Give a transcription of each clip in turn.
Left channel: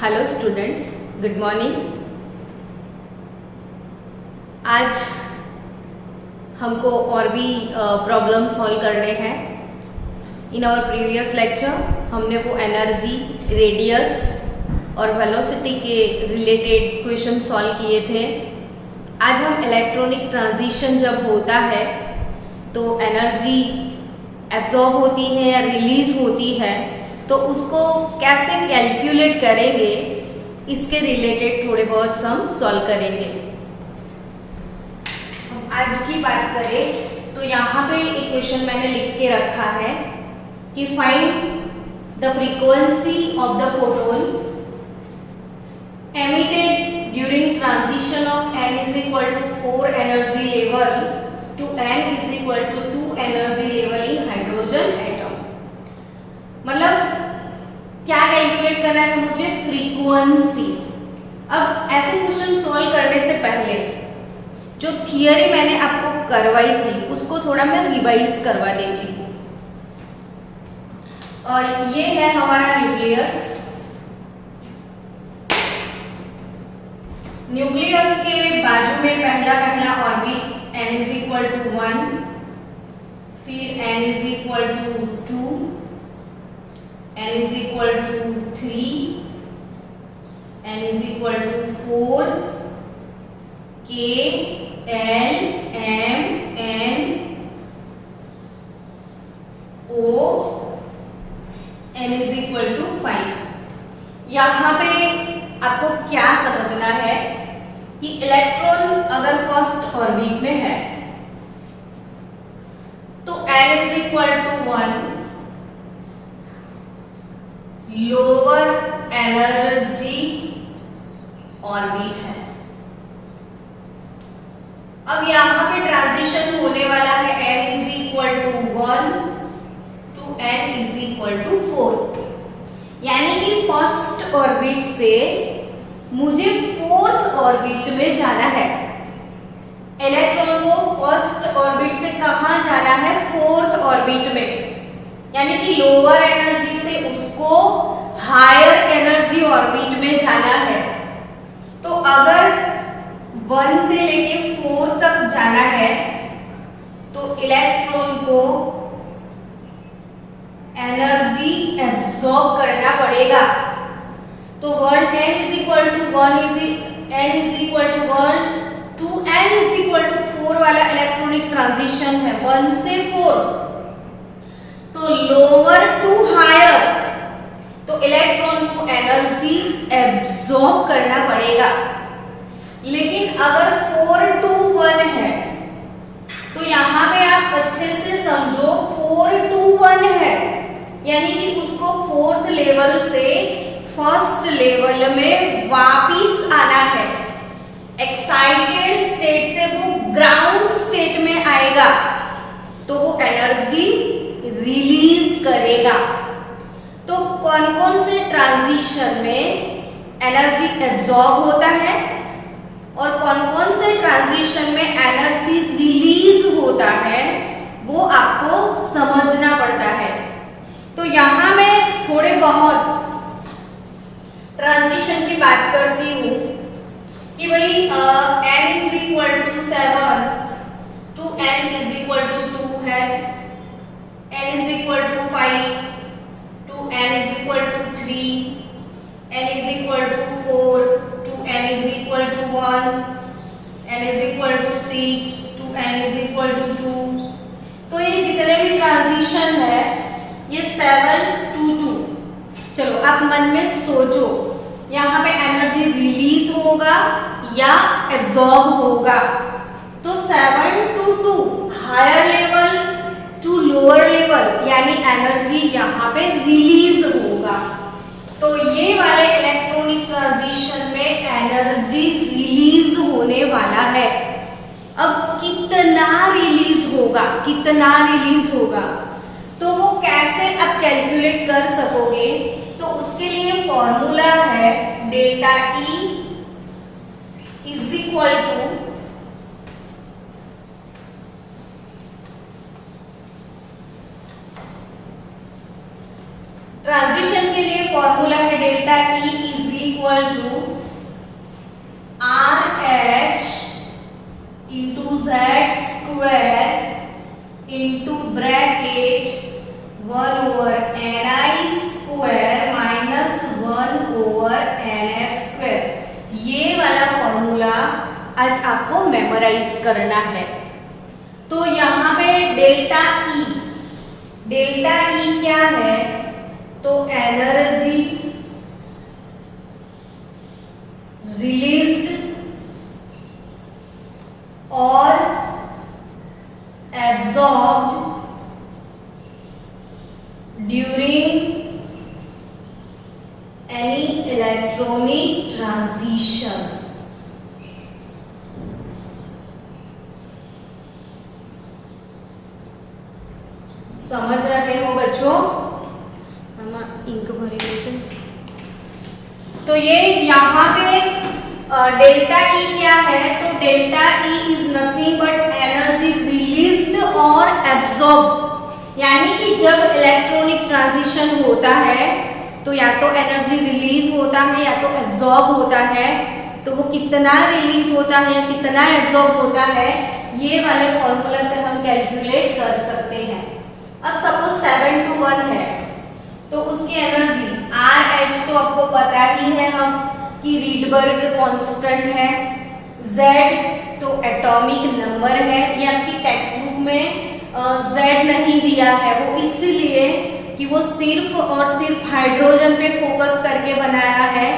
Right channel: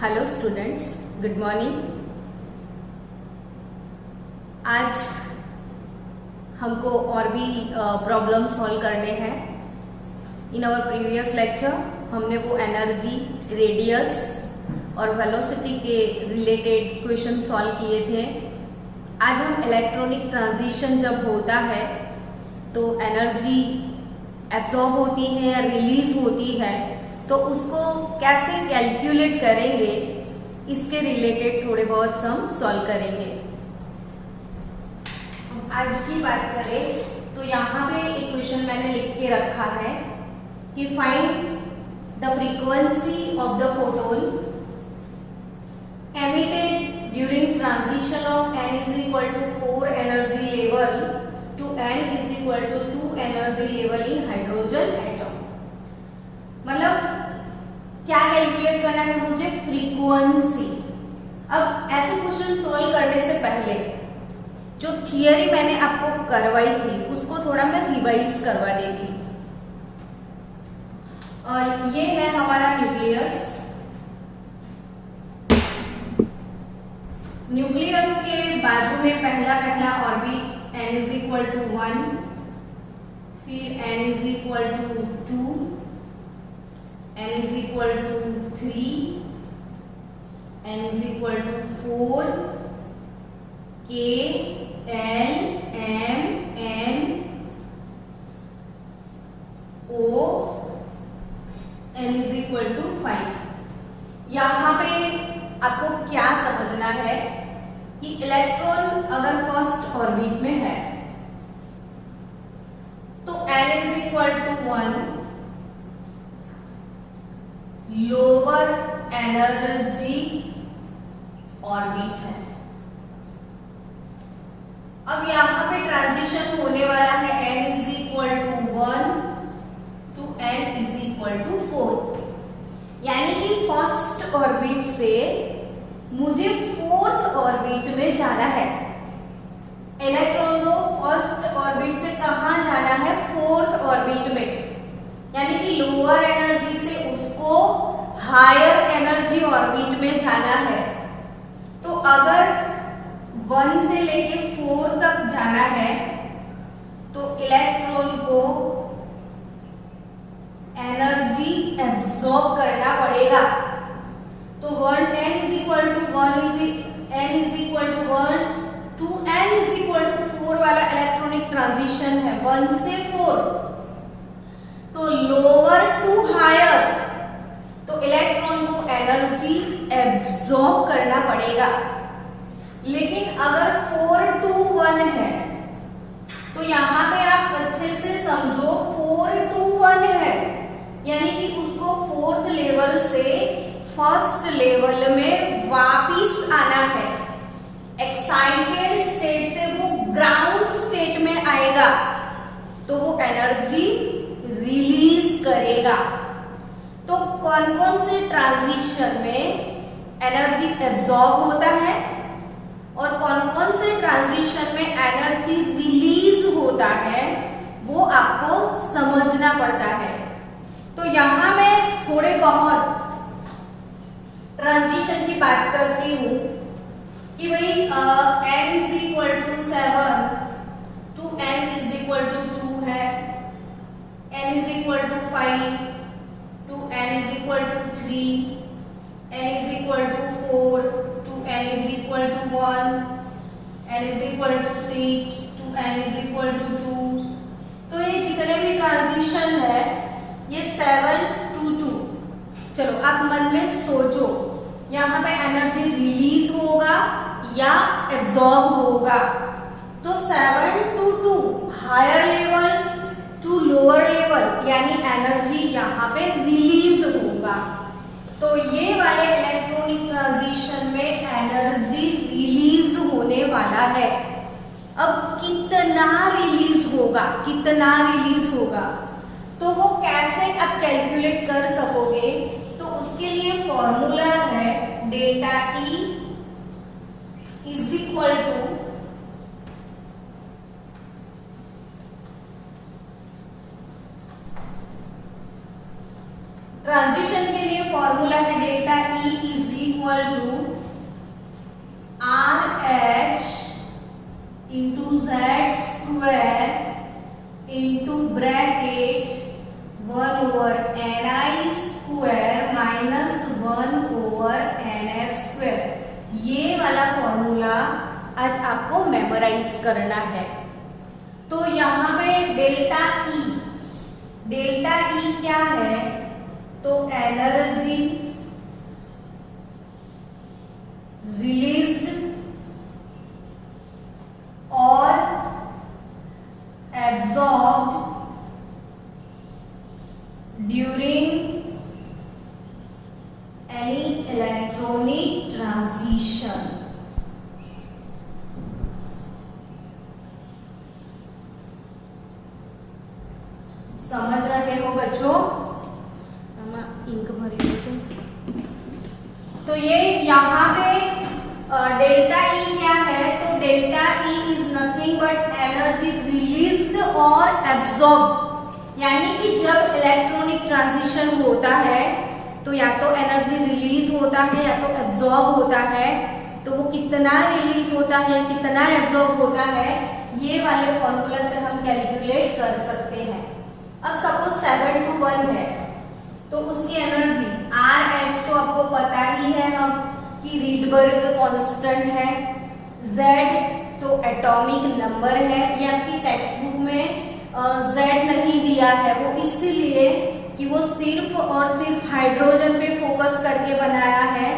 Hello students, good morning. आज हमको और भी प्रॉब्लम सॉल्व करने हैं। इन आवर प्रीवियस लेक्चर हमने वो एनर्जी, रेडियस और वेलोसिटी के रिलेटेड क्वेश्चन सॉल्व किए थे। आज हम इलेक्ट्रॉनिक ट्रांजिशन जब होता है तो एनर्जी एब्जॉर्ब होती है या रिलीज होती है, तो उसको कैसे कैलकुलेट करेंगे, इसके रिलेटेड थोड़े बहुत सम सॉल्व करेंगे। आज की बात करें तो यहाँ पे एक क्वेश्चन मैंने लिख के रखा है कि find the frequency of the photon emitted during transition of n is equal to 4 energy level to n is equal to 2 energy level in hydrogen atom. मतलब क्या कैलकुलेट करना है मुझे? फ्रीक्वेंसी। अब ऐसे क्वेश्चन सॉल्व करने से पहले जो थियरी मैंने आपको करवाई थी उसको थोड़ा मैं रिवाइज करवा देती हूँ। और ये है हमारा न्यूक्लियस। न्यूक्लियस के बाजू में पहला orbit n is equal to 1, फिर n is equal to 2, n is equal to 3, n is equal to 4, k, l, m, n, o, n is equal to 5। यहाँ पे आपको क्या समझना है कि इलेक्ट्रॉन अगर फर्स्ट ऑर्बिट में है तो n is equal to 1 lower energy orbit है। अब यहां पे ट्रांजिशन होने वाला है n is equal to 1 to n is equal to 4, यानी कि फर्स्ट ऑर्बिट से मुझे फोर्थ ऑर्बिट में जाना है। इलेक्ट्रॉन को फर्स्ट ऑर्बिट से कहां जाना है? फोर्थ ऑर्बिट में, यानी कि लोअर एनर्जी से उसको हायर एनर्जी ऑर्बिट में जाना है। तो अगर 1 से लेके 4 तक जाना है तो इलेक्ट्रॉन को एनर्जी एब्सॉर्ब करना पड़ेगा। तो n is equal to 1 n is equal to 1 to n is equal to 4 वाला इलेक्ट्रॉनिक ट्रांजिशन है 1 से 4। तो लोअर टू हायर, तो इलेक्ट्रॉन को एनर्जी एब्सॉर्ब करना पड़ेगा। लेकिन अगर 4 टू 1 है तो यहां पे आप अच्छे से समझो, 4 टू 1 है यानी कि उसको फोर्थ लेवल से फर्स्ट लेवल में वापिस आना है। एक्साइटेड स्टेट से वो ग्राउंड स्टेट में आएगा तो वो एनर्जी रिलीज करेगा। तो कौन कौन से ट्रांजिशन में एनर्जी एब्सॉर्ब होता है और कौन कौन से ट्रांजिशन में एनर्जी रिलीज होता है, वो आपको समझना पड़ता है। तो यहां मैं थोड़े बहुत ट्रांजिशन की बात करती हूं कि भाई n is equal to 7 to n is equal to 2 है, n is equal to 5 to n is equal to 3, n is equal to 4 to n is equal to 1, n is equal to 6 to n is equal to 2। तो ये जितने भी transition है ये 7 to 2। चलो आप मन में सोचो, यहाँ पे एनर्जी रिलीज होगा या एब्सॉर्ब होगा? तो 7 to 2 higher level to lower level, यानी एनर्जी यहाँ पे रिलीज होगा। तो ये वाले इलेक्ट्रॉनिक ट्रांजिशन में एनर्जी रिलीज होने वाला है। अब कितना रिलीज होगा तो वो कैसे आप कैलकुलेट कर सकोगे? तो उसके लिए फॉर्मूला है delta E is equal to transition के लिए फॉर्मूला है delta E is equal to R H into Z square into bracket 1/ni square minus 1/nf square. ये वाला फॉर्मूला आज आपको मेमोराइज करना है। तो यहाँ पे डेल्टा ई क्या है? तो एनर्जी रिलीज्ड और absorbed during any electronic transition. समझ रहे हो बच्चों? इंक भरी नीचे। तो ये यहाँ पे डेल्टा ई क्या है? तो delta E is nothing but energy released और एब्जॉर्ब, यानी कि जब इलेक्ट्रॉनिक ट्रांजिशन होता है तो या तो एनर्जी रिलीज होता है या तो एब्जॉर्ब होता है। तो वो कितना रिलीज होता है या कितना एब्जॉर्ब होता है, ये वाले फॉर्मूला से हम कैलकुलेट कर सकते हैं। अब सपोज 7 to 1 है तो उसकी एनर्जी आर एच तो आपको पता ही है हम कि रीडबर्ग कांस्टेंट है, जेड तो एटॉमिक नंबर है। ये आपकी टेक्स्ट बुक में जेड नहीं दिया है, वो इसलिए कि वो सिर्फ और सिर्फ हाइड्रोजन पे फोकस करके बनाया है,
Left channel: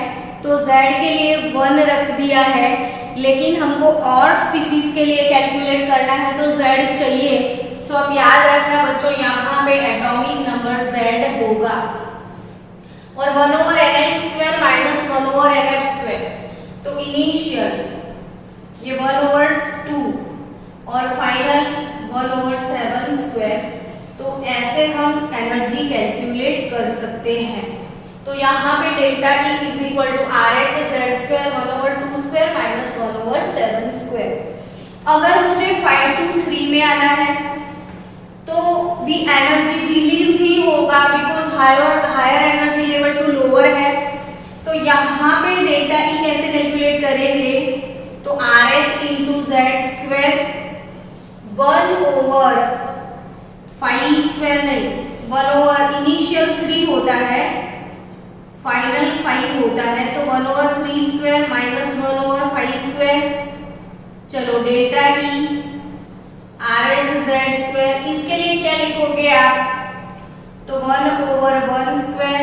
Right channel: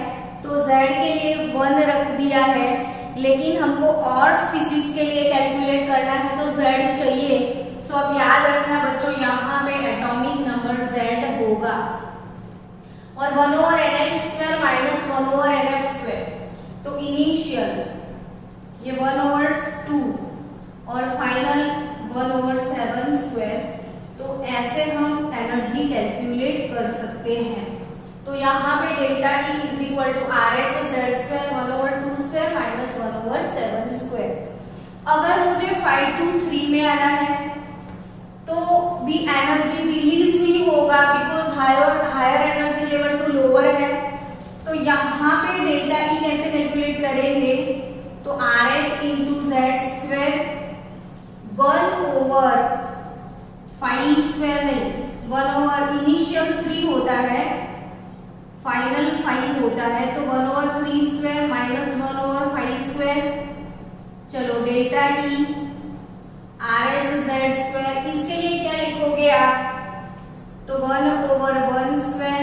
तो जेड के लिए 1 रख दिया है। लेकिन हमको और स्पीसीज के लिए कैलकुलेट करना है तो जेड चाहिए। सो आप याद रखना बच्चों, यहाँ पे एटॉमिक नंबर जेड होगा और 1/ni square minus 1/nf square. तो इनिशियल ये 1/2 और फाइनल 1/7 स्क्वायर। तो ऐसे हम एनर्जी कैलकुलेट कर सकते हैं। तो यहाँ पे delta E is equal to R H Z square 1/2 square minus 1/7 square. अगर मुझे 5 to 3 में आना है तो भी एनर्जी रिलीज ही होगा, because higher energy level to lower है। तो यहाँ पे डेल्टा ई कैसे कैलकुलेट करेंगे? तो are H into Z square 1/5 square नहीं, 1/ इनिशियल 3 होता है, फाइनल 5 होता है, तो 1/3 स्क्वायर माइनस 1/5 स्क्वायर। चलो delta E R H Z square, इसके लिए क्या लिखोगे आप? तो 1/1 स्क्वायर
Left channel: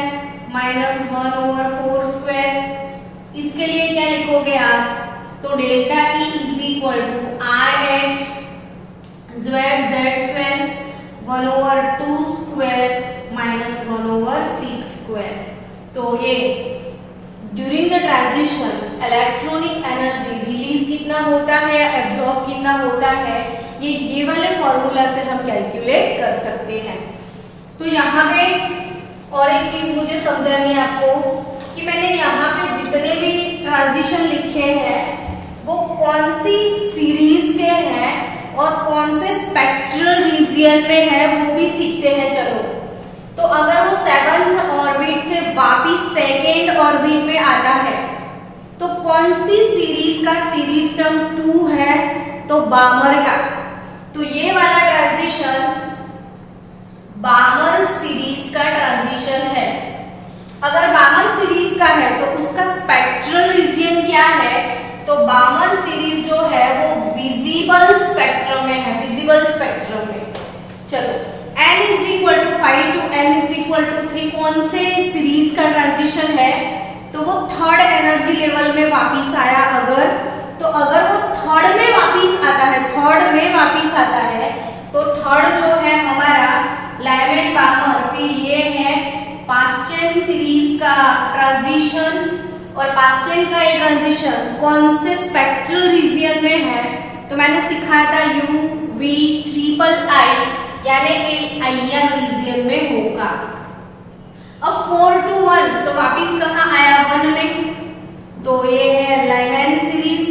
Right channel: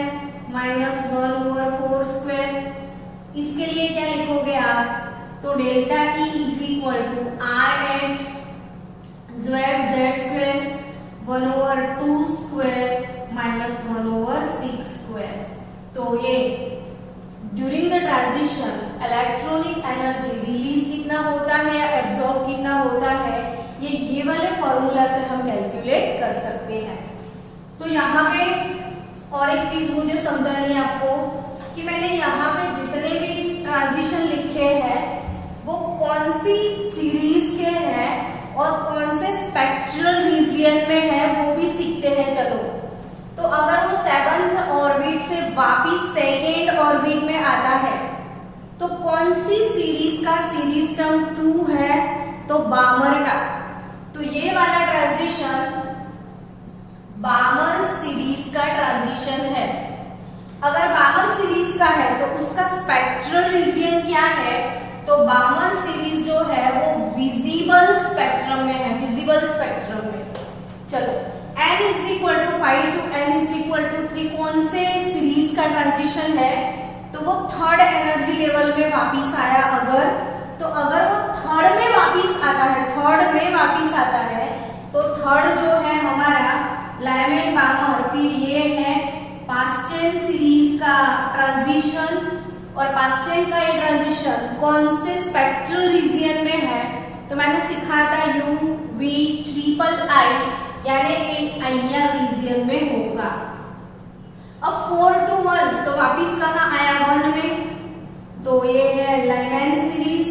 माइनस 1/4 स्क्वायर। इसके लिए क्या लिखोगे आप? तो delta E is equal to R H Z square 1/2 square minus 1/6 square. तो ये during the transition electronic energy release कितना होता है या एब्जॉर्ब कितना होता है, ये वाले फॉर्मूला से हम कैलकुलेट कर सकते हैं। तो यहाँ पे और एक चीज मुझे समझानी है आपको कि मैंने यहाँ पे जितने भी ट्रांजिशन लिखे हैं वो कौन सी सीरीज के हैं और कौन से स्पेक्ट्रल रीजियन में है वो भी सीखते हैं। चलो, तो अगर वो 7th ऑर्बिट से वापिस 2nd ऑर्बिट में आता है तो कौन सी सीरीज का सीरीज टर्म 2 है? तो बामर का। तो ये वाला ट्रांजिशन बामर सीरीज का ट्रांजिशन है। अगर बामर सीरीज का है तो उसका स्पेक्ट्रल रीजियन क्या है? तो बामर सीरीज जो है वो विजिबल स्पेक्ट्रम में है, विजिबल स्पेक्ट्रम में। चलो, n is equal to 5 to n is equal to 3 कौन से सीरीज का ट्रांजिशन है? तो वो 3rd एनर्जी लेवल में वापिस आया। अगर वो 3rd में वापिस आता है, 3rd में वापिस आता है, तो 3rd जो है हमारा लायमैन बामर, फिर ये है पास्चन सीरीज का ट्रांजिशन। और पास्चन का ये ट्रांजिशन कौन से स्पेक्ट्रल रीजियन में है? तो मैंने सिखाया था UV-III, यानी आईआर रीजियन में होगा। अब 4 to 1 तो वापिस कहाँ आया? 1 में। तो ये है लायमैन सीरीज,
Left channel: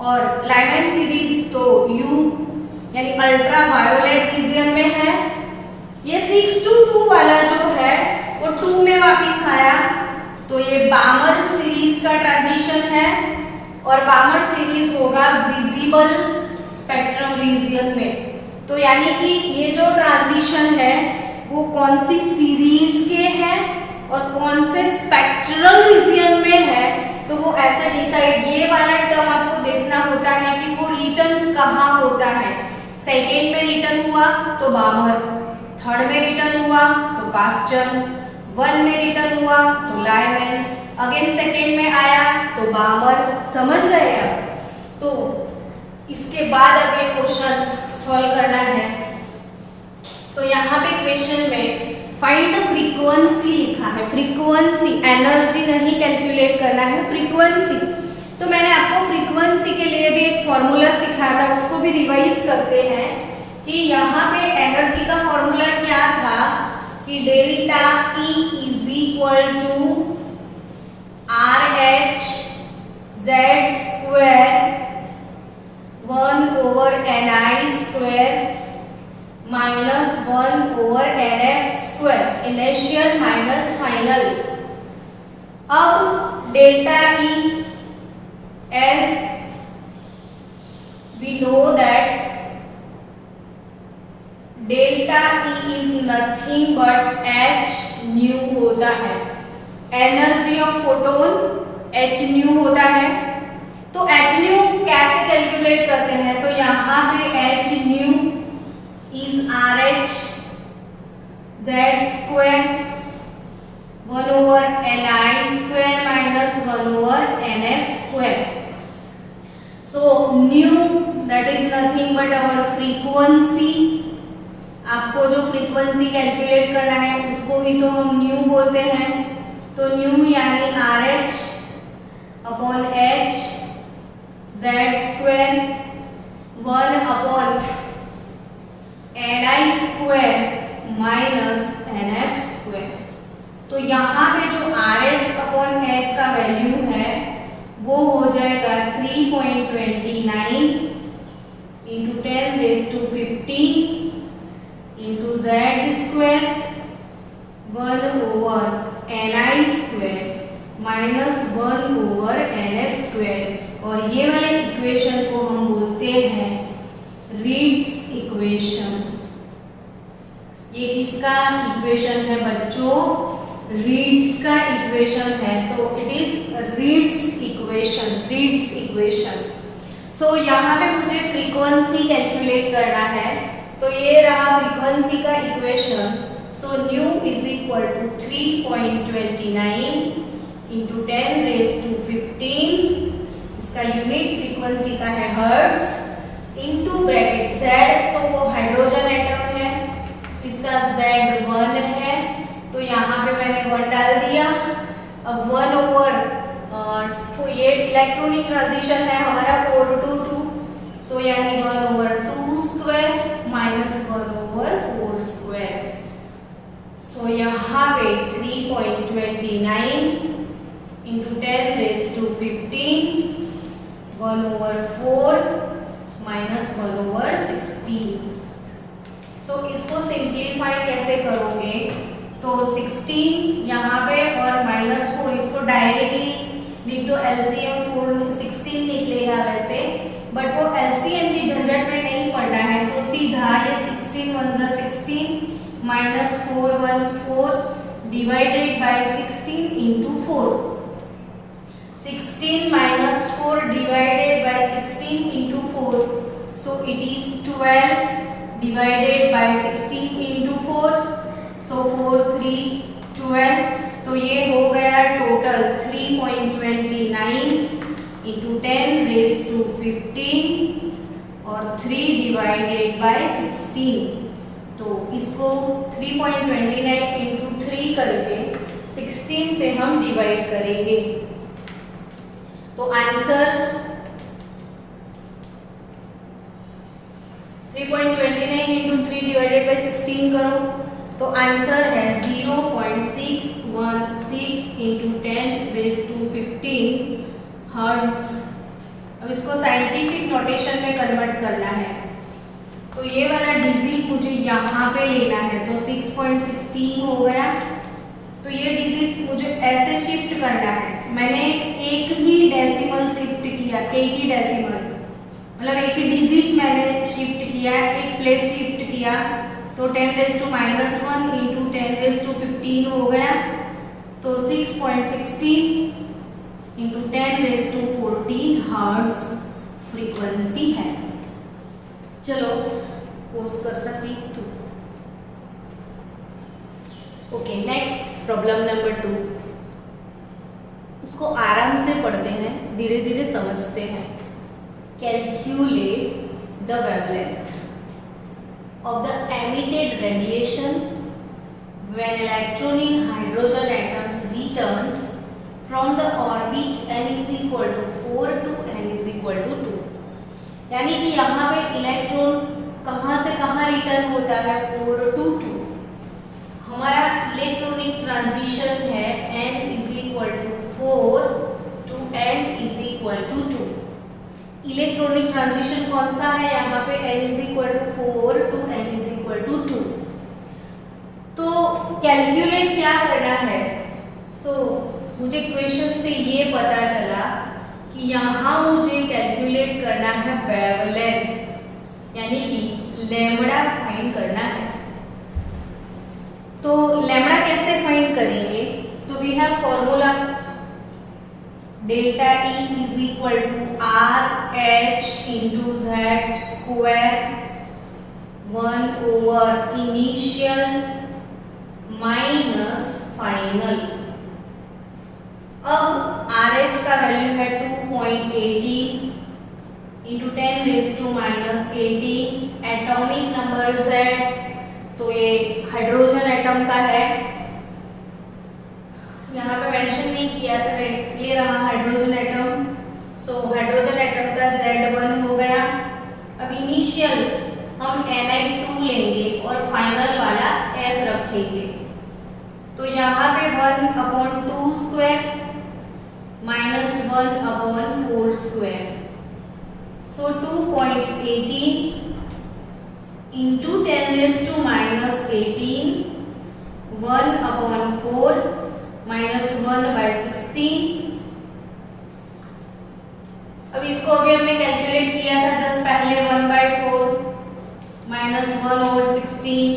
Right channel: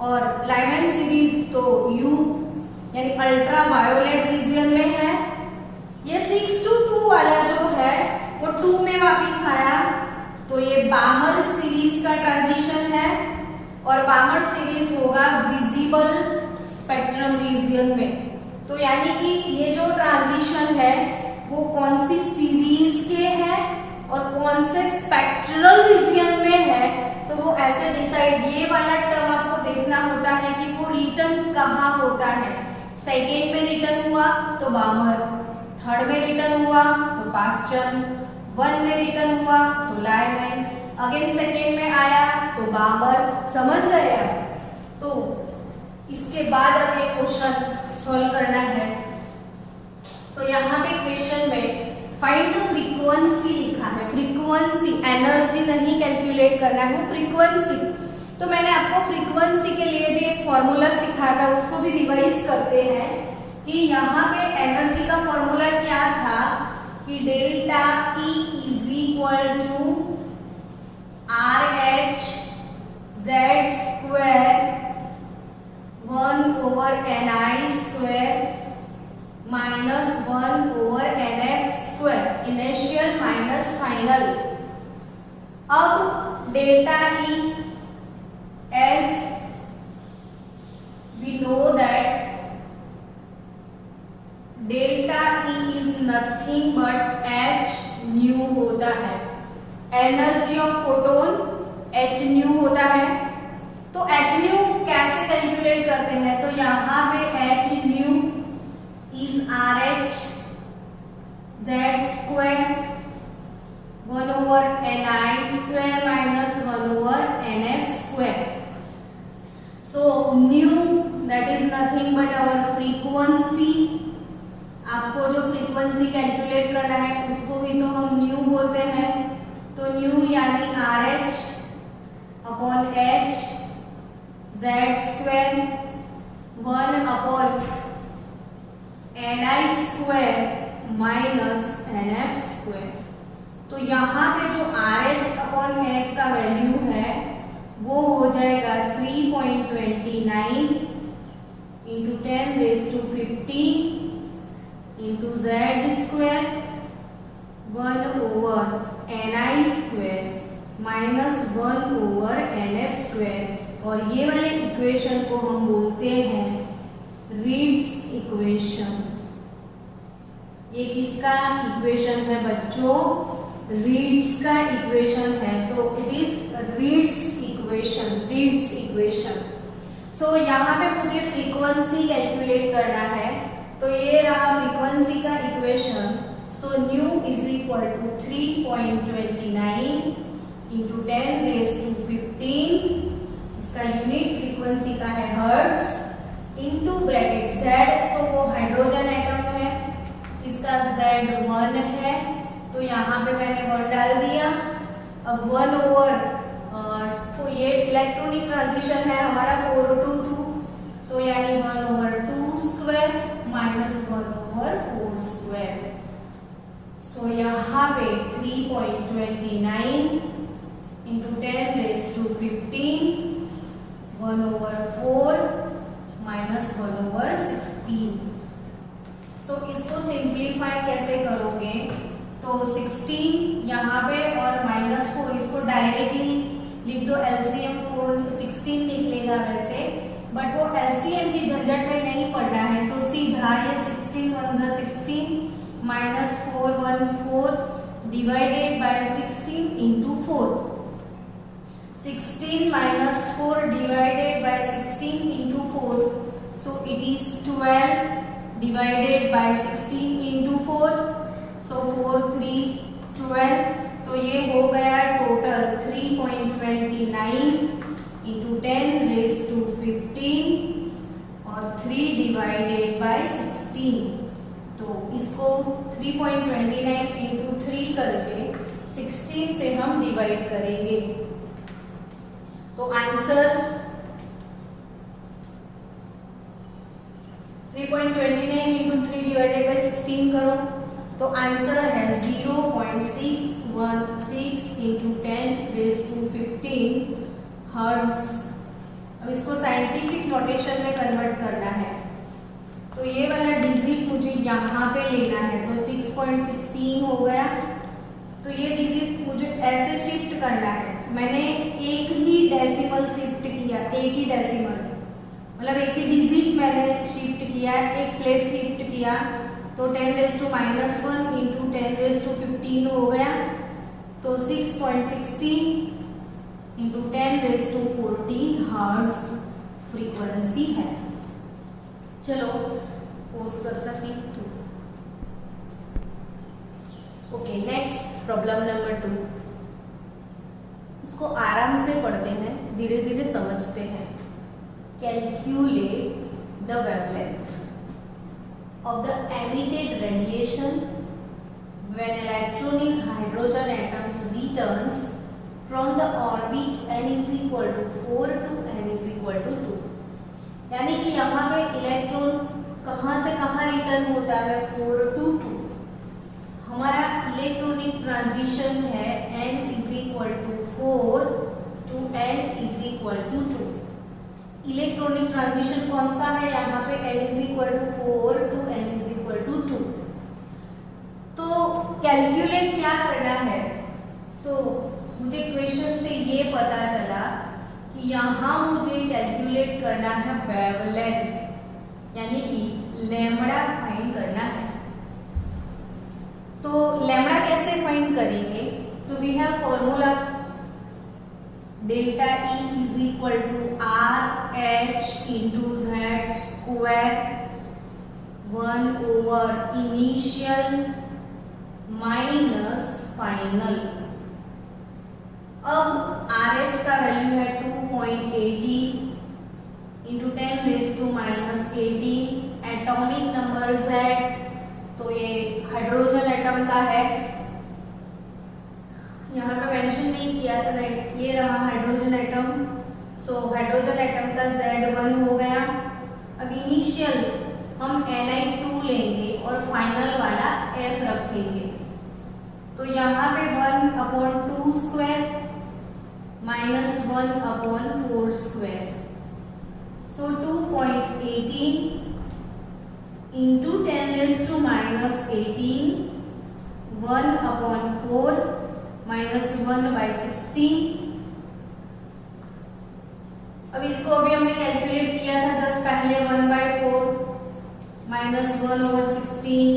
और लायमैन सीरीज तो U यानी अल्ट्रा वायोलेट रीजियन में है। ये 6 to 2 वाला जो है वो 2 में वापिस आया, तो ये बामर सीरीज का ट्रांजिशन है और बामर सीरीज होगा विजिबल स्पेक्ट्रम रीजियन में। तो यानी कि ये जो ट्रांजिशन है वो कौन सी सीरीज के है और कौन से स्पेक्ट्रल रीजियन में है, तो वो ऐसे डिसाइड, ये वाला टर्म आपको देखना होता है कि वो रिटर्न कहाँ होता है। सेकेंड में रिटर्न हुआ तो बामर, थर्ड में रिटर्न हुआ तो पास्चन, वन में रिटर्न हुआ तो लायमैन, अगेन सेकेंड में आया तो बामर। समझ गए आप? तो इसके बाद अब ये क्वेश्चन सॉल्व करना है। तो यहाँ पे क्वेश्चन में फाइंड द फ्रीक्वेंसी लिखा है। फ्रीक्वेंसी, एनर्जी नहीं कैलकुलेट करना है, फ्रीक्वेंसी। तो मैंने आपको फ्रीक्वेंसी के लिए भी एक फॉर्मूला सिखाया था, उसको भी रिवाइज करते हैं कि यहाँ पे एनर्जी का फॉर्मूला क्या था कि delta E is equal to RH Z square 1/Ni square minus 1/Nf square, initial minus final. अब delta E as we know that delta E is nothing but h nu होता है। Energy of photon h nu होता है। तो h nu कैसे calculate करते हैं? तो यहाँ पे h nu is RH Z square 1/Ni square minus 1/Nf square. So nu that is nothing but our frequency। आपको जो फ्रीक्वेंसी कैलकुलेट करना है उसको ही तो हम न्यू बोलते हैं। तो न्यू यानी RH upon H Z square 1/Ni square minus Nf square. तो यहाँ पे जो RH अपॉन H का वैल्यू है वो हो जाएगा 3.29 into 10⁻15 into Z square 1/Ni square minus 1/Nf square. और ये वाले इक्वेशन को हम बोलते हैं रीड्स इक्वेशन। ये किसका इक्वेशन है बच्चों? रीड्स का इक्वेशन है। तो it is reads equation, reads equation. So यहाँ पे मुझे फ्रीक्वेंसी कैलकुलेट करना है। तो ये रहा फ्रीक्वेंसी का equation. So nu is equal to 3.29 into 10⁻15, इसका यूनिट फ्रीक्वेंसी का है हर्ट्ज, इंटू ब्रैकेट Z, तो वो हाइड्रोजन एटम है, इसका Z1 है, तो यहाँ पे मैंने 1 डाल दिया। अब 1/, ये इलेक्ट्रॉनिक ट्रांजिशन है हमारा 4 to 2, तो यानी 1/2 स्क्वायर माइनस 1/4 स्क्वायर। सो यहाँ पे 3.29 इंटू 10⁻15 1/4 माइनस 1/16। सो इसको सिंप्लीफाई कैसे करोगे? तो 16 यहाँ पे और -4 इसको डायरेक्टली लिख दो। LCM 16 निकलेगा वैसे, बट वो LCM की झंझट में नहीं पड़ना है। तो सीधा ये 16 1 जा 16 minus 4 1 4 divided by 16 into 4। 16 minus 4 divided by 16 into 4, so it is 12 divided by 16 into 4, सो 4 3 12। तो ये हो गया टोटल 3.29 इंटू 10⁻15 और 3 डिवाइडेड बाय 16। तो इसको 3.29 इंटू 3 करके 16 से हम डिवाइड करेंगे। तो आंसर 3.29 इंटू 3 डिवाइडेड बाय 16 करो, तो आंसर है 0.616 इंटू 10⁻15 हर्ट्ज। अब इसको साइंटिफिक नोटेशन में कन्वर्ट करना है। तो ये वाला डिजिट मुझे यहाँ पे लेना है, तो 6.16 हो गया। तो ये डिजिट मुझे ऐसे शिफ्ट करना है, मैंने एक ही डेसिमल शिफ्ट किया, एक ही डेसिमल मतलब एक ही डिजिट मैंने शिफ्ट किया, एक प्लेस शिफ्ट किया, तो 10⁻⁻1 इंटू 10⁻15 हो गया, तो 6.16 इंटू 10⁻14 हर्ट्ज फ्रीक्वेंसी है। चलो पोज करता सीख तू। Okay, next problem number 2। उसको आराम से पढ़ते हैं, धीरे धीरे समझते हैं। Calculate the wavelength of the emitted radiation when electronic hydrogen atoms returns from the orbit n is equal to 4 to n is equal to 2। यानी कि यहाँ पे इलेक्ट्रॉन कहाँ से कहाँ रिटर्न होता है, 4 to 2। हमारा इलेक्ट्रॉनिक ट्रांजिशन है n is equal to 4 to n is equal to 2। Electronic transition कौन सा है, यहाँ पे n is equal to 4 to n is equal to 2। तो कैलकुलेट क्या करना है, मुझे क्वेश्चन से ये पता चला कि यहाँ मुझे कैलकुलेट करना है वेवलेंथ, यानी कि लैम्बडा फाइंड करना है। तो लैम्बडा कैसे फाइंड करेंगे, तो we have formula delta E is equal to RH into Z square 1 initial minus final. अब RH का वैल्यू है 2.80 इंटू 10⁻⁻18। एटॉमिक नंबर Z, तो ये हाइड्रोजन एटम का है, यहाँ पे मेंशन नहीं किया था, ये रहा हाइड्रोजन एटम। हाइड्रोजन एटम का Z1 हो गया। अब इनिशियल हम Ni2 लेंगे और फाइनल वाला F रखेंगे, तो यहाँ पे 1/2 square minus 1/4 square, 2.18 into 10⁻⁻18 1/4 minus 1/16। अब इसको अभी हमने कैलकुलेट किया था जस्ट पहले, 1/4 माइनस 1/16,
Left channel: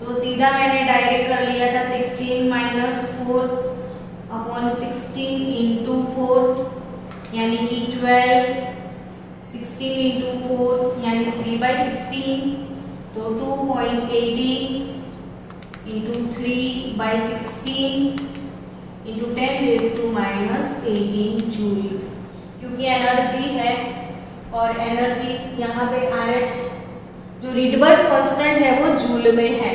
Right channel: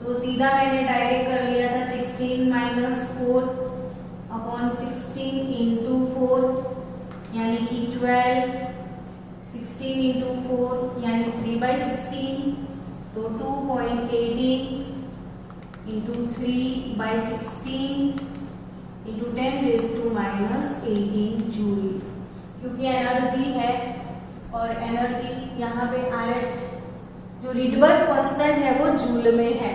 तो सीधा मैंने डायरेक्ट कर लिया था 16 माइनस 4/16 इंटू 4 यानी कि 12, 16 इंटू 4 यानी 3/16, तो 2.80 इंटू 3/16 इंटू 10⁻⁻18 जूल, क्योंकि एनर्जी है और एनर्जी यहाँ पे RH जो रिडबर्ग कांस्टेंट है वो जूल में है।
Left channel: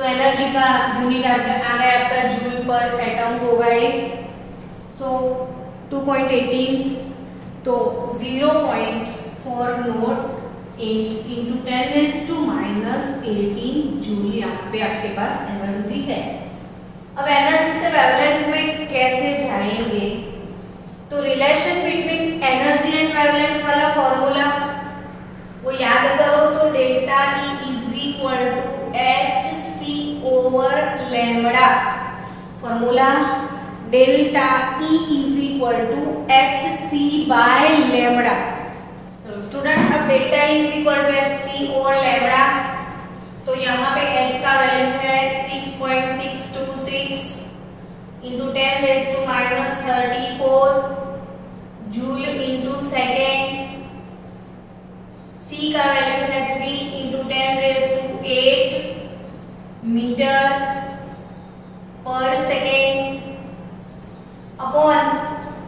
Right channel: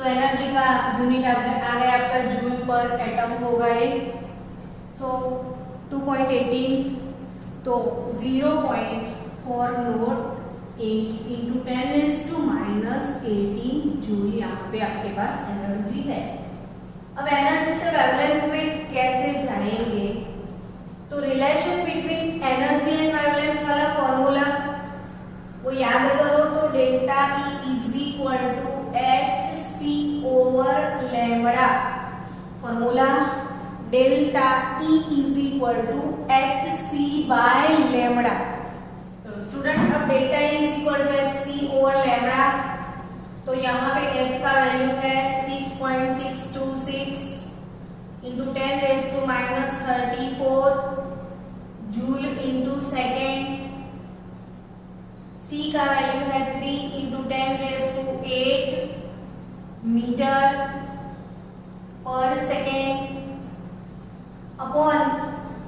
एनर्जी का यूनिट आ गया आपका जूल पर एटम होगा ये। 2.18 तो 0.408 इंटू 10⁻⁻18 जूल यहाँ पे आपके पास एनर्जी है। अब एनर्जी से वेवलेंथ में कैसे जाएंगे, तो relation between energy and wavelength वाला फॉर्मूला वो याद करो, तो डेल्टा E is equal to HC over lambda. Formula delta E is equal to HC by lambda. चलो स्टूडेंट, अब delta E is equal to HC over lambda, तो यहाँ पे H का वैल्यू है 6.626 into 10⁻⁻34 joule into second. C का value है 3 into 10⁸ metre per second upon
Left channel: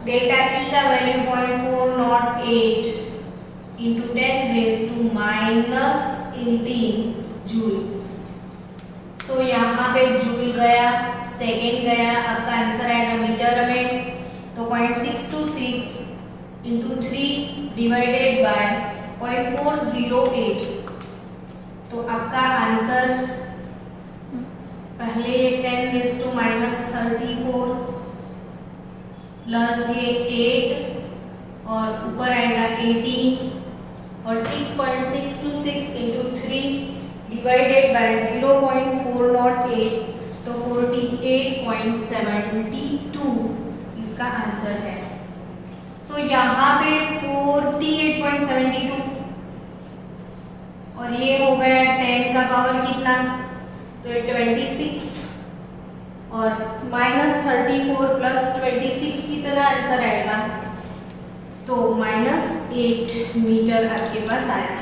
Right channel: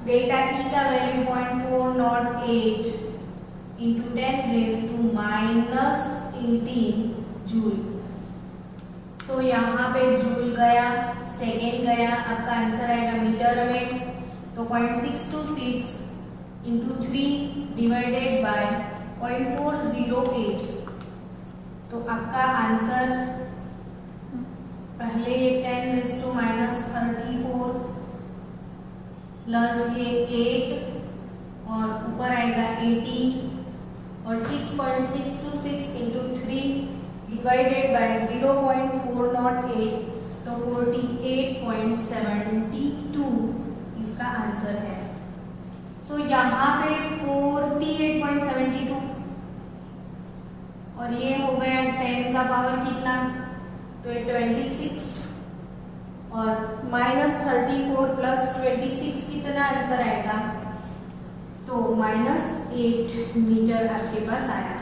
delta E का वैल्यू 0.408 इंटू 10⁻⁻18 जूल। यहाँ पे जूल गया, सेकेंड गया, आपका आंसर आएगा मीटर में, तो 0.626 इंटू 3 डिवाइडेड बाय 0.408, तो आपका आंसर पहले ये 10⁻⁻34 प्लस ये 8 और ऊपर आएगा 18 और 6.626 इंटू 3 डिवाइडेड बाय 0.408, तो 48 48.72 इसका आंसर है। सो यहाँ पे 48.72 और ये हो गया 10 का पावर कितना, तो ये 26 और -34 प्लस 26 कितना आंसर आएगा, तो -8 मीटर आपके पास आया।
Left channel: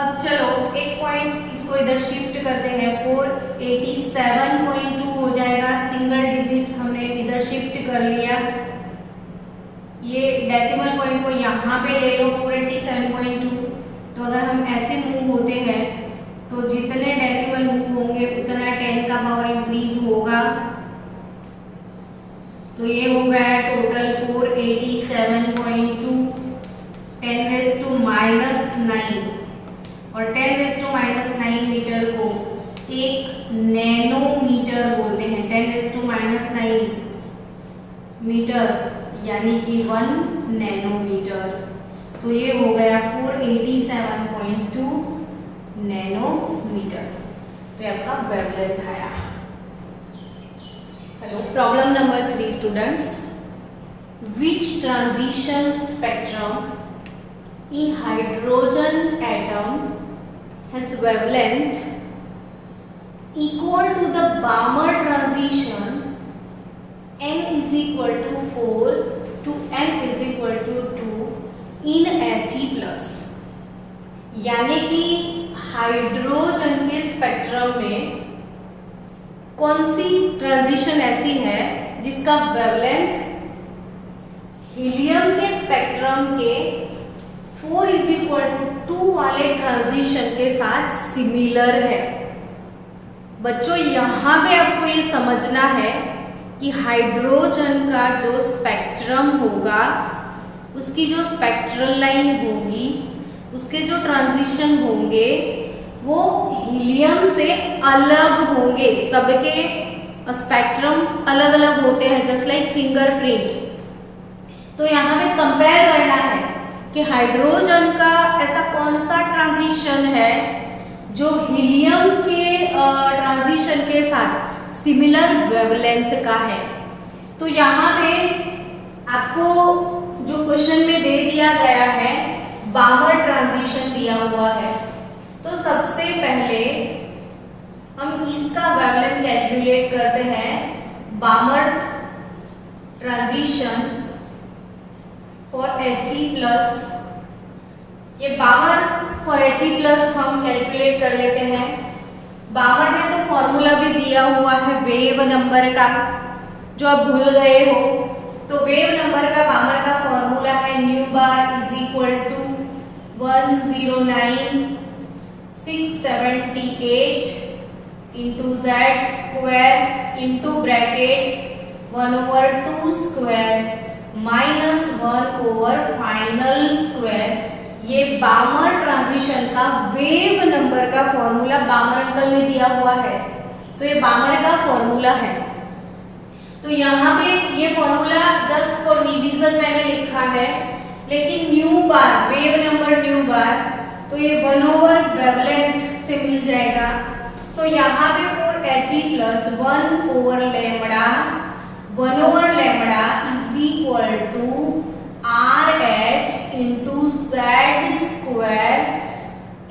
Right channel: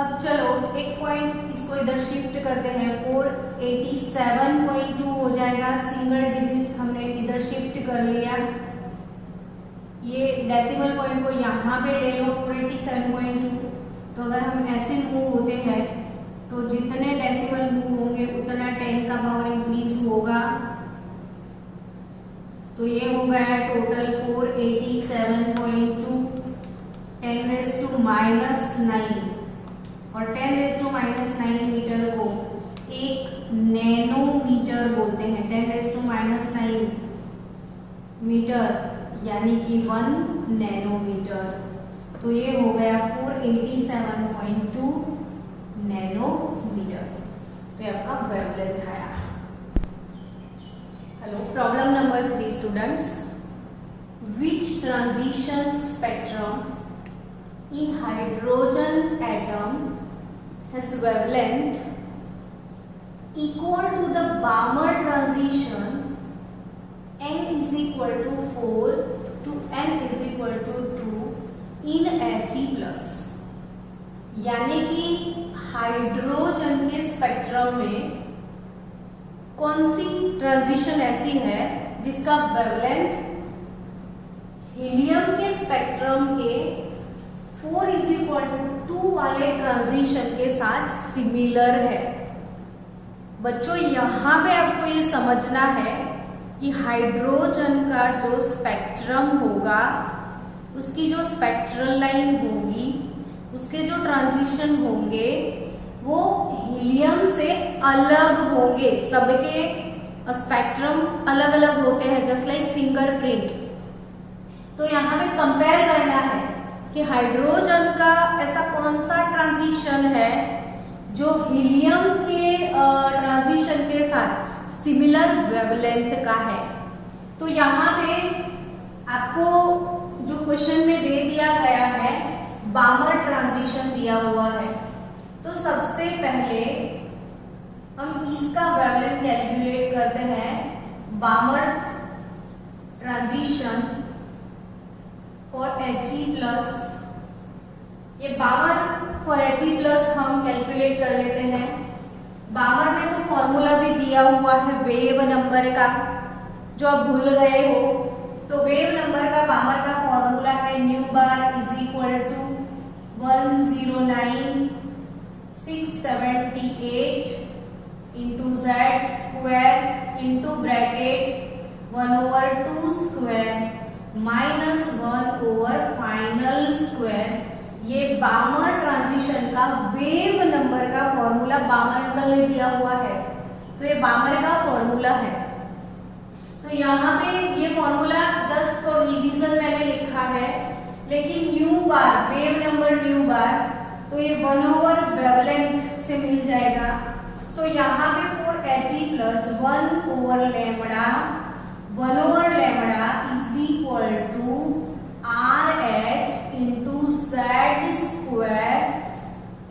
अब चलो एक पॉइंट इसको इधर शिफ्ट करते हैं, 487.2 हो जाएगा, सिंगल डिजिट हमने इधर शिफ्ट कर लिया। ये डेसिमल पॉइंट को यहाँ पे ले लो 487.2, तो अगर हम ऐसे मूव होते हैं तो जितने डेसिमल मूव होंगे उतना 10 का पावर इंक्रीज होगा। तो ये हो गया टोटल 487.2 10⁻⁹ और 10⁻⁹ मीटर को 1 नैनोमीटर बोलते हैं। 10⁻⁹ मीटर यानी कि 1 नैनोमीटर। तो ये हो गया 487.2 नैनोमीटर। तो ये आपका वेवलेंथ आया। Hello, problem number 3 students, which transition spectrum in hydrogen atom has wavelength equal to the Balmer transition n is equal to 4 to n is equal to 2 in He+। यानी कि हाइड्रोजन के spectrum में कौन सी transition ऐसी है जिसका wavelength helium के spectrum के 4 = 2 वाले ट्रांजिशन के साथ सिमिलर है। बच्चों यहाँ पे आपको ये समझना है कि हाइड्रोजन का जो स्पेक्ट्रम होगा, उसकी जो स्पेक्ट्रल लाइन होगी, उसके जो ट्रांजिशन होंगे वो हीलियम से अलग होंगे। सबके स्पेक्ट्रम अलग अलग होते हैं, जस्ट लाइक फिंगरप्रिंट। तो यहाँ पे कंपेयर करना है कि हाइड्रोजन का ऐसा कौन सा ट्रांजिशन है जो हीलियम के ट्रांजिशन के साथ सिमिलर वेवलेंथ का है। तो यहाँ पे आपको जो क्वेश्चन में दे दिया गया है, बामर ट्रांजिशन दिया हुआ है। तो सबसे पहले हम इसका वेवलेंथ कैलकुलेट करते हैं। बामर ट्रांजिशन फॉर He+, ये बामर फॉर He+ हम कैलकुलेट कर लेते हैं। बामर में तो फॉर्मूला भी दिया हुआ है वेव नंबर का, जो आप भूल गए हो। तो वेव नंबर का बामर का फॉर्मूला है न्यू बार = 109,678 into Z² into bracket 1/2² -1/final square. ये बामर ट्रांजिशन का वेव नंबर का फॉर्मूला बामर अंकल ने दिया हुआ है। तो ये बामर का फॉर्मूला है। तो यहाँ पे ये फॉर्मूला जस्ट फॉर रिवीजन मैंने लिखा है, लेकिन न्यू बार वेव नंबर न्यू बार तो ये 1/, वेवलेंथ से मिल जाएगा। सो यहाँ पे for He+ 1/λ is equal to RH into Z²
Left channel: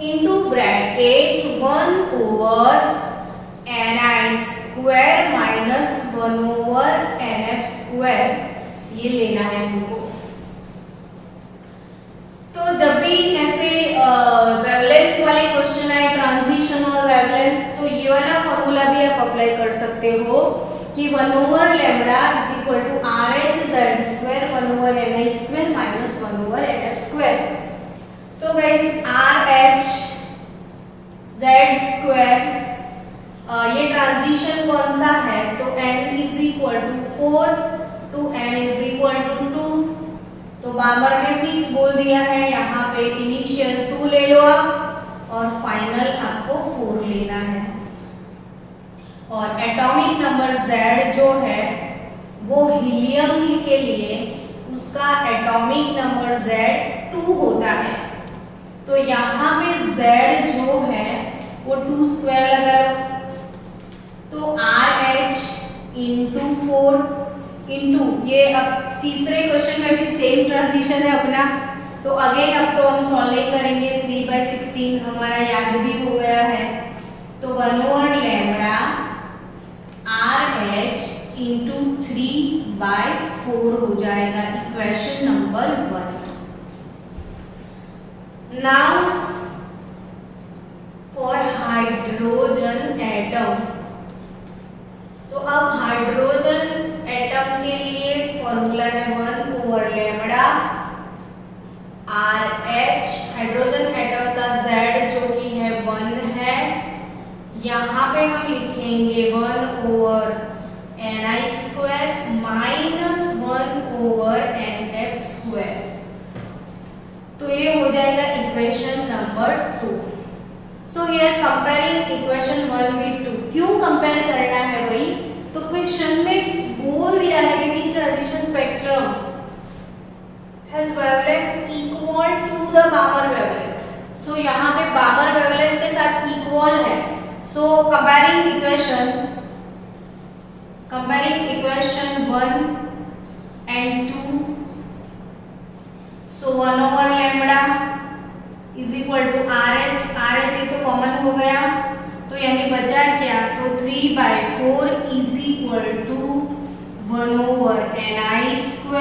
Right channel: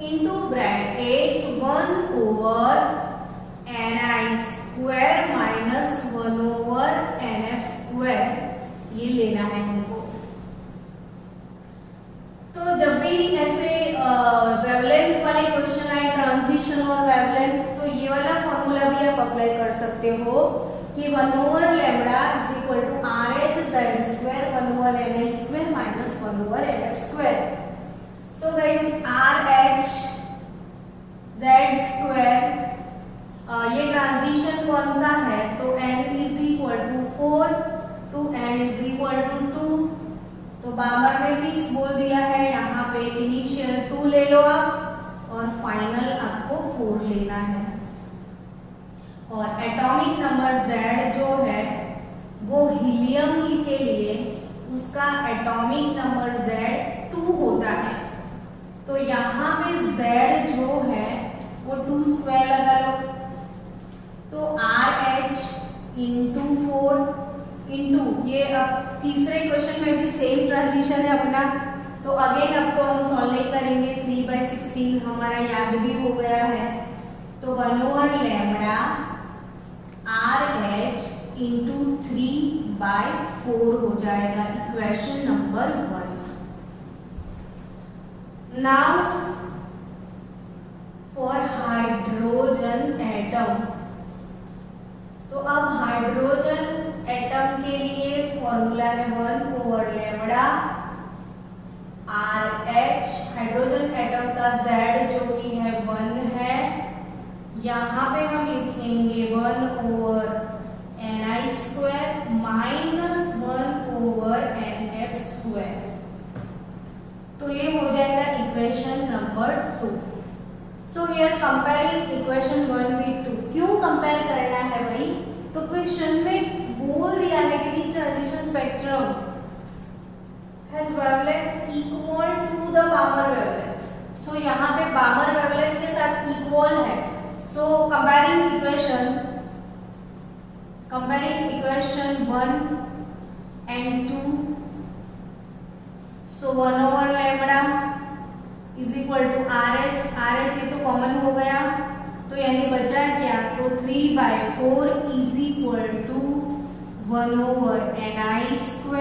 into bracket 1/Ni² minus 1/Nf²। ये लेना है हमको। तो जब भी ऐसे वेवलेंथ वाले क्वेश्चन आए, ट्रांजिशन और वेवलेंथ, तो ये वाला फॉर्मूला भी आप अप्लाई कर सकते हो कि 1/λ is equal to RH Z² 1/Ni² minus 1/Nf²। So guys, RH Z² ये ट्रांजिशन कौन सा है, तो n is equal to 4 to n is equal to 2। तो बामर ने फिक्स बोल दिया है, यहाँ पे इनिशियल 2 ले लो आप और फाइनल आपको 4 लेना है। और एटॉमिक नंबर Z जो है वो हीलियम के लिए उसका एटॉमिक नंबर Z2 होता है। तो यहाँ पे Z जो है वो 2² लगा लो। तो RH इंटू 4 इंटू ये, अब तीसरे क्वेश्चन में भी सेम ट्रांजिशन है अपना, तो अगेन अब तो हम सॉल्व नहीं करेंगे, 3/16 हमारा याद भी हो गया है, तो 1/λ RH इंटू 3/4 हो जाएगा, equation number 1। Now for hydrogen atom, तो अब हाइड्रोजन एटम के लिए फॉर्मूला है 1/λ RH, हाइड्रोजन एटम का Z जो कि है 1 है, यहाँ पे हम लिखेंगे 1/ni² माइनस 1/nx², तो ये हो जाएगा equation number 2। So here comparing equation 1 with 2, क्यों कंपेयर करना है भाई, तो क्वेश्चन में बोल दिया है कि transition spectrum has wavelength equal to the Balmer wavelength, so यहाँ पे बामर वेवलेंथ के साथ इक्वल है, so comparing equation 1 and 2, so 1/λ is equal to RH ये तो कॉमन हो गया, तो यानी बचा क्या, तो 3/4 is equal to 1/ni²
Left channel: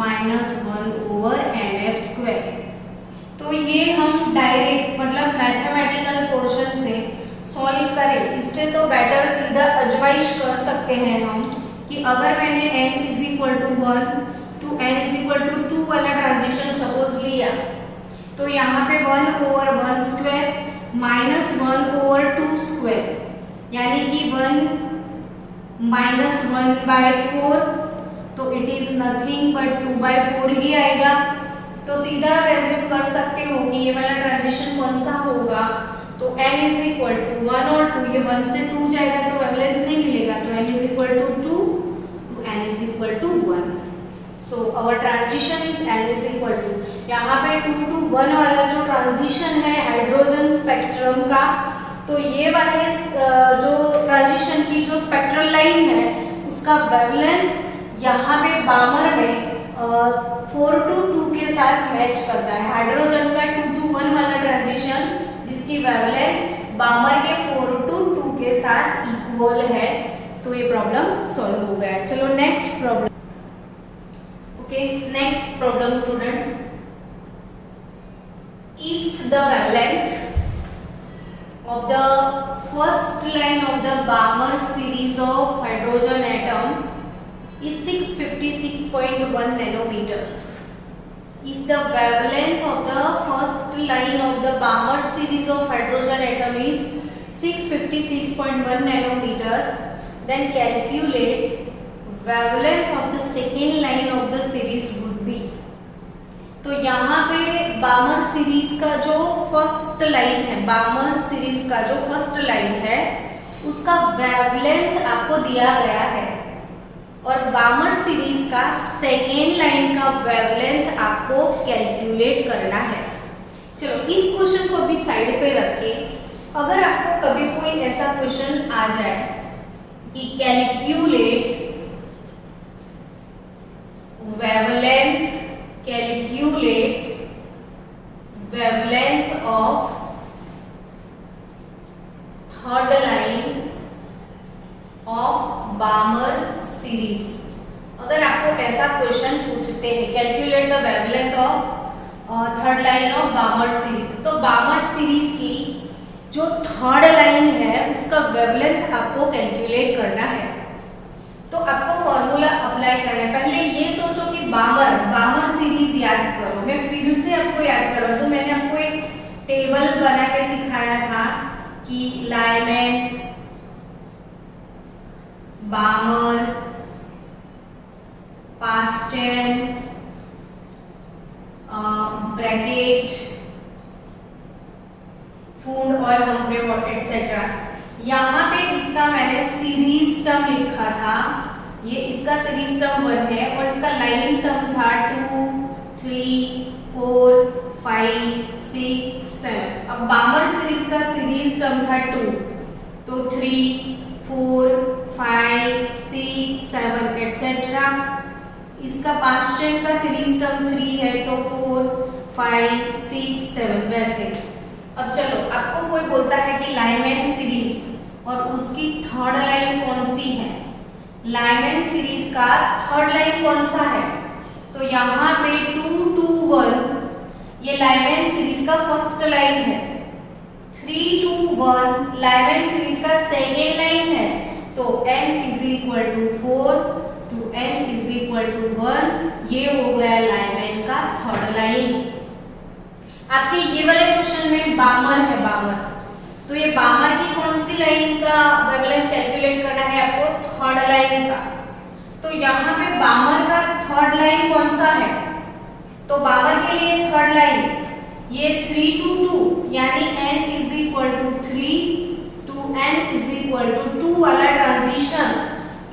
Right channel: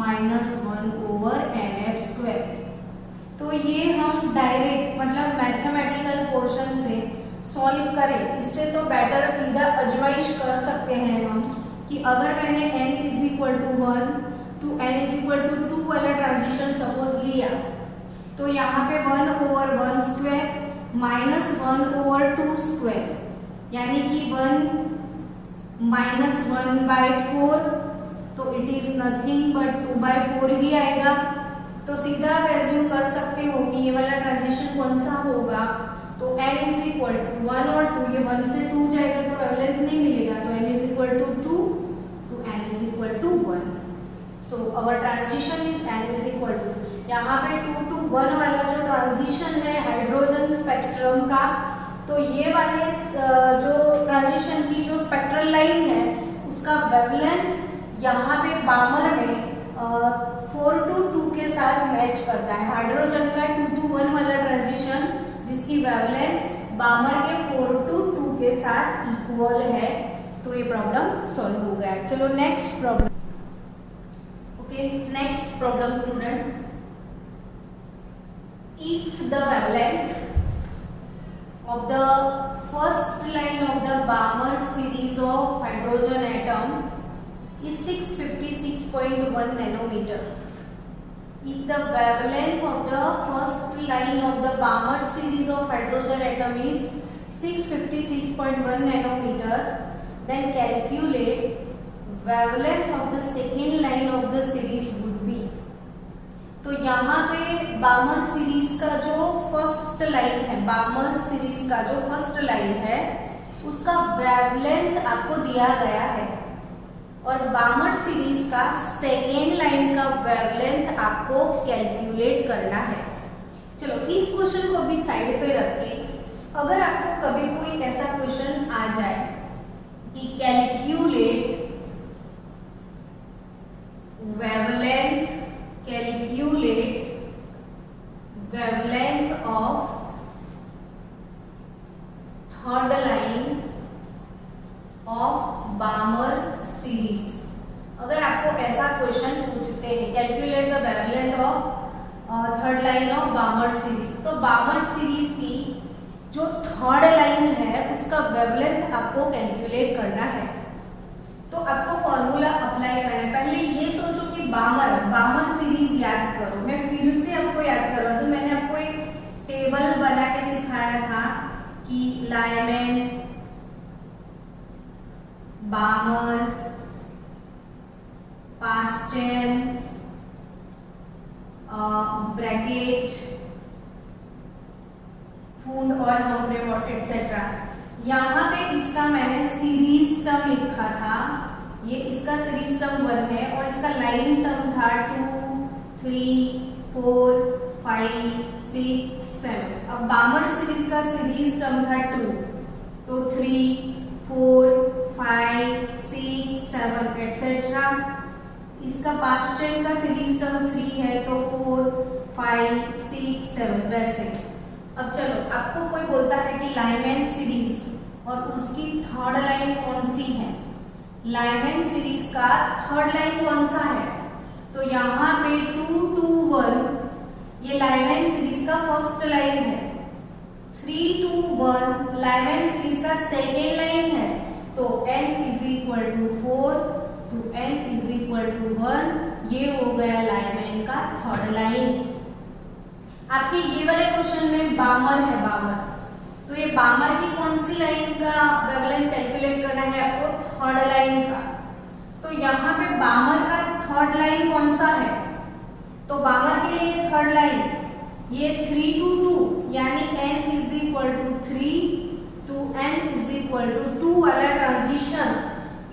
minus 1/nf²। तो ये हम डायरेक्ट मतलब मैथमेटिकल पोर्शन से सॉल्व करें, इससे तो बेटर सीधा अजमाइश कर सकते हैं हम कि अगर मैंने n is equal to 1 to n is equal to 2 वाला ट्रांजिशन सपोज लिया, तो यहाँ पे 1/1² माइनस 1/2², यानी कि 1 माइनस 1/4, तो इट इज नथिंग बट 2/4 ही आएगा। तो सीधा आप एज्यूम कर सकते हो कि ये वाला ट्रांजिशन कौन सा होगा, तो n इज इक्वल टू 1 और 2, ये 1 से 2 जाएगा तो वेवलेंथ नहीं मिलेगा, तो n is equal to 2 to n is equal to 1। So our transition is n is equal to, यहाँ पे 2 to 1 वाला जो ट्रांजिशन है हाइड्रोजन स्पेक्ट्रम का, तो ये वाले जो ट्रांजिशन की जो स्पेक्ट्रल लाइन है उसका वेवलेंथ यहाँ पे बामर में 4 to 2 के साथ मैच करता है। हाइड्रोजन का 2 to 1 वाला ट्रांजिशन जिसकी वेवलेंथ बामर के 4 to 2 के साथ इक्वल है, तो ये प्रॉब्लम सॉल्व हो गया। चलो next problem. Okay, next problem student, if the wavelength of the first line of the Balmer series of hydrogen atom is 656.1 nanometer. If the wavelength of the first line of the Balmer series of hydrogen atom is 656.1 nanometer, then calculate wavelength of the second line of the series would be. तो यहाँ पे बामर series का जो first line है, बामर series का जो first line है उसका वेवलेंथ आपको दिया गया है, और बामर सीरीज का सेकेंड लाइन का वेवलेंथ आपको कैलकुलेट करना है। चलो इस क्वेश्चन को अभी साइड पे रखिए। अगर आपको कभी कोई ऐसा क्वेश्चन आ जाए कि calculate wavelength of third line of Balmer series, अगर आपको ऐसा क्वेश्चन पूछते हैं calculate the wavelength of third line of बामर series, तो बामर सीरीज की जो थर्ड लाइन है उसका वेवलेंथ आपको कैलकुलेट करना है। तो आपको फॉर्मूला अप्लाई करना है। पहले ये सोचो कि बामर सीरीज याद करो। मैं फिर से आपको याद करवा दूं, मैंने आपको एक टेबल बना के सिखाया था कि लाइमैन, बामर, पास्चन, ब्रैकेट, फूड और हम्फ्रे वॉट एक्सेट्रा। यहाँ पे इसका मैंने सीरीज टर्म लिखा था, ये इसका सीरीज टर्म 1 है और इसका लाइन टर्म था 2, 3, 4, 5, 6, 7। अब बामर सीरीज का सीरीज टर्म था 2, तो 3, 4, 5, 6, इसका पास्ट टेंस का सीरीज टर्म 3 है तो 4 5 6 7 वैसे। अब चलो आपको कोई बोलता है कि लाइमैन सीरीज और उसकी थर्ड लाइन कौन सी है, लाइमैन सीरीज का थर्ड लाइन कौन सा है, तो यहाँ पे 2 2 1 ये लाइमैन सीरीज का फर्स्ट लाइन है, 3 2 1 लाइमैन सीरीज का सेकेंड लाइन है, तो n is equal to 4 to n is equal to 1 ये हो गया लाइमैन का थर्ड लाइन। आपके ये वाले क्वेश्चन में बामर है, बामर, तो ये बामर की कौन सी लाइन का वेवलेंथ कैलकुलेट करना है आपको, थर्ड लाइन का। तो यहाँ पे बामर का थर्ड लाइन कौन सा है, तो बामर के लिए थर्ड लाइन ये 3 2 2 यानी n is equal to 3 to n is equal to 2 वाला ट्रांजिशन,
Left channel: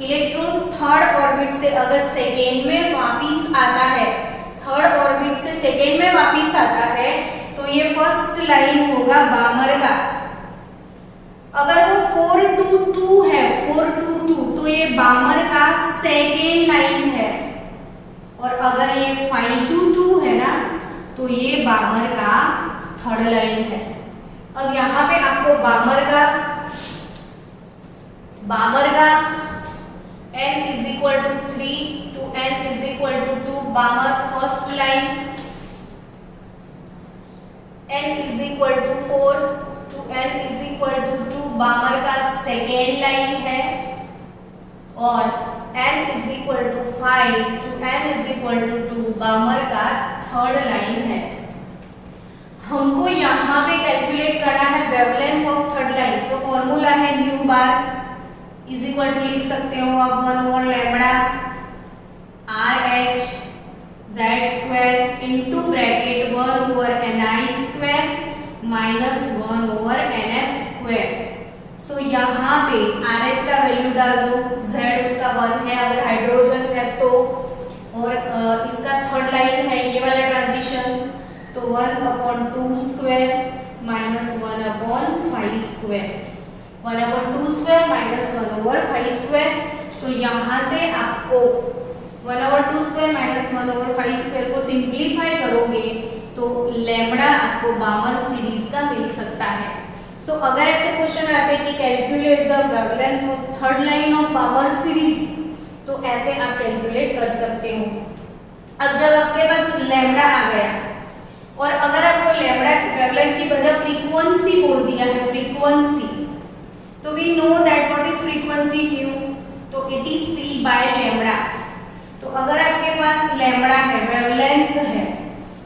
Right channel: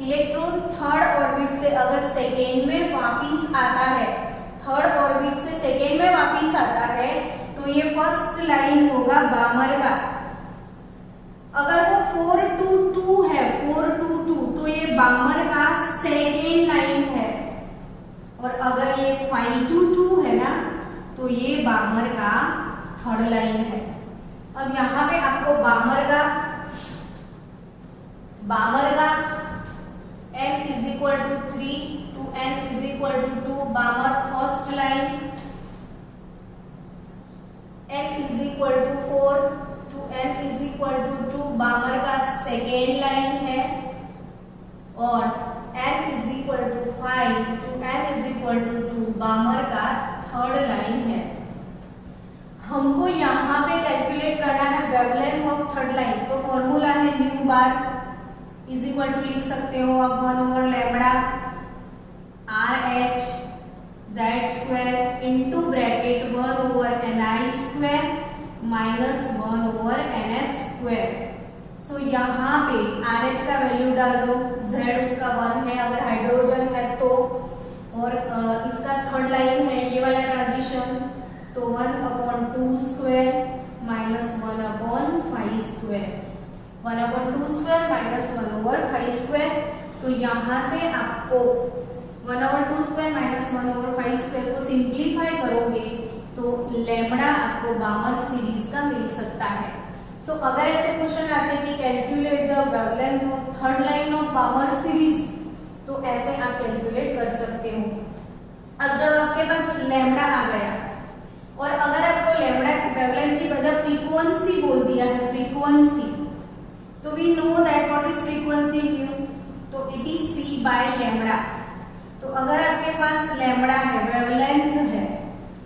इलेक्ट्रॉन थर्ड ऑर्बिट से अगर सेकेंड में वापिस आता है, थर्ड ऑर्बिट से सेकेंड में वापिस आता है तो ये फर्स्ट लाइन होगा बामर का। अगर वो 4 2 2 है, 4 2 2 तो ये बामर का सेकेंड लाइन है, और अगर ये 5 2 2 है ना तो ये बामर का थर्ड लाइन है। अब यहाँ पे आपको बामर का n is equal to 3 to n is equal to 2 Balmer first line, n is equal to 4 to n is equal to 2 Balmer का सेकेंड लाइन है, और n is equal to 5 to n is equal to 2 Balmer का third line है। हमको यहाँ पे calculate करना है वेवलेंथ ऑफ थर्ड लाइन, तो फॉर्मूला है nu bar is equal to लिख सकते हो आप 1 over lambda RH Z square into bracket 1 over Ni square minus 1 over NF square. So यहाँ पे RH का वैल्यू डाल दो, Z उसका 1 है अगर हाइड्रोजन है तो, और इसका थर्ड लाइन है ये वाला ट्रांजिशन, तो 1/2 square minus 1/5 square, 1/2 square minus 1/5 square. तो यहाँ से आपको 1/2 स्क्वायर माइनस 1/5 स्क्वायर को सिंप्लीफाई करोगे तो लैम्बडा आपको बामर सीरीज का मिल सकता है। सो अगर ऐसे क्वेश्चन आते हैं कि calculate the wavelength of third line of बामर series, तो ऐसे आप कैलकुलेट कर सकते हो। अब जब आपके पास लैम्बडा आ गया और अगर आपको लैम्बडा वेवलेंथ की बजाय फ्रीक्वेंसी बोल दिया है, फ्रीक्वेंसी, तो we know that what is frequency q, तो it is c by lambda. तो अगर आपके पास लैम्बडा है, वेवलेंथ है,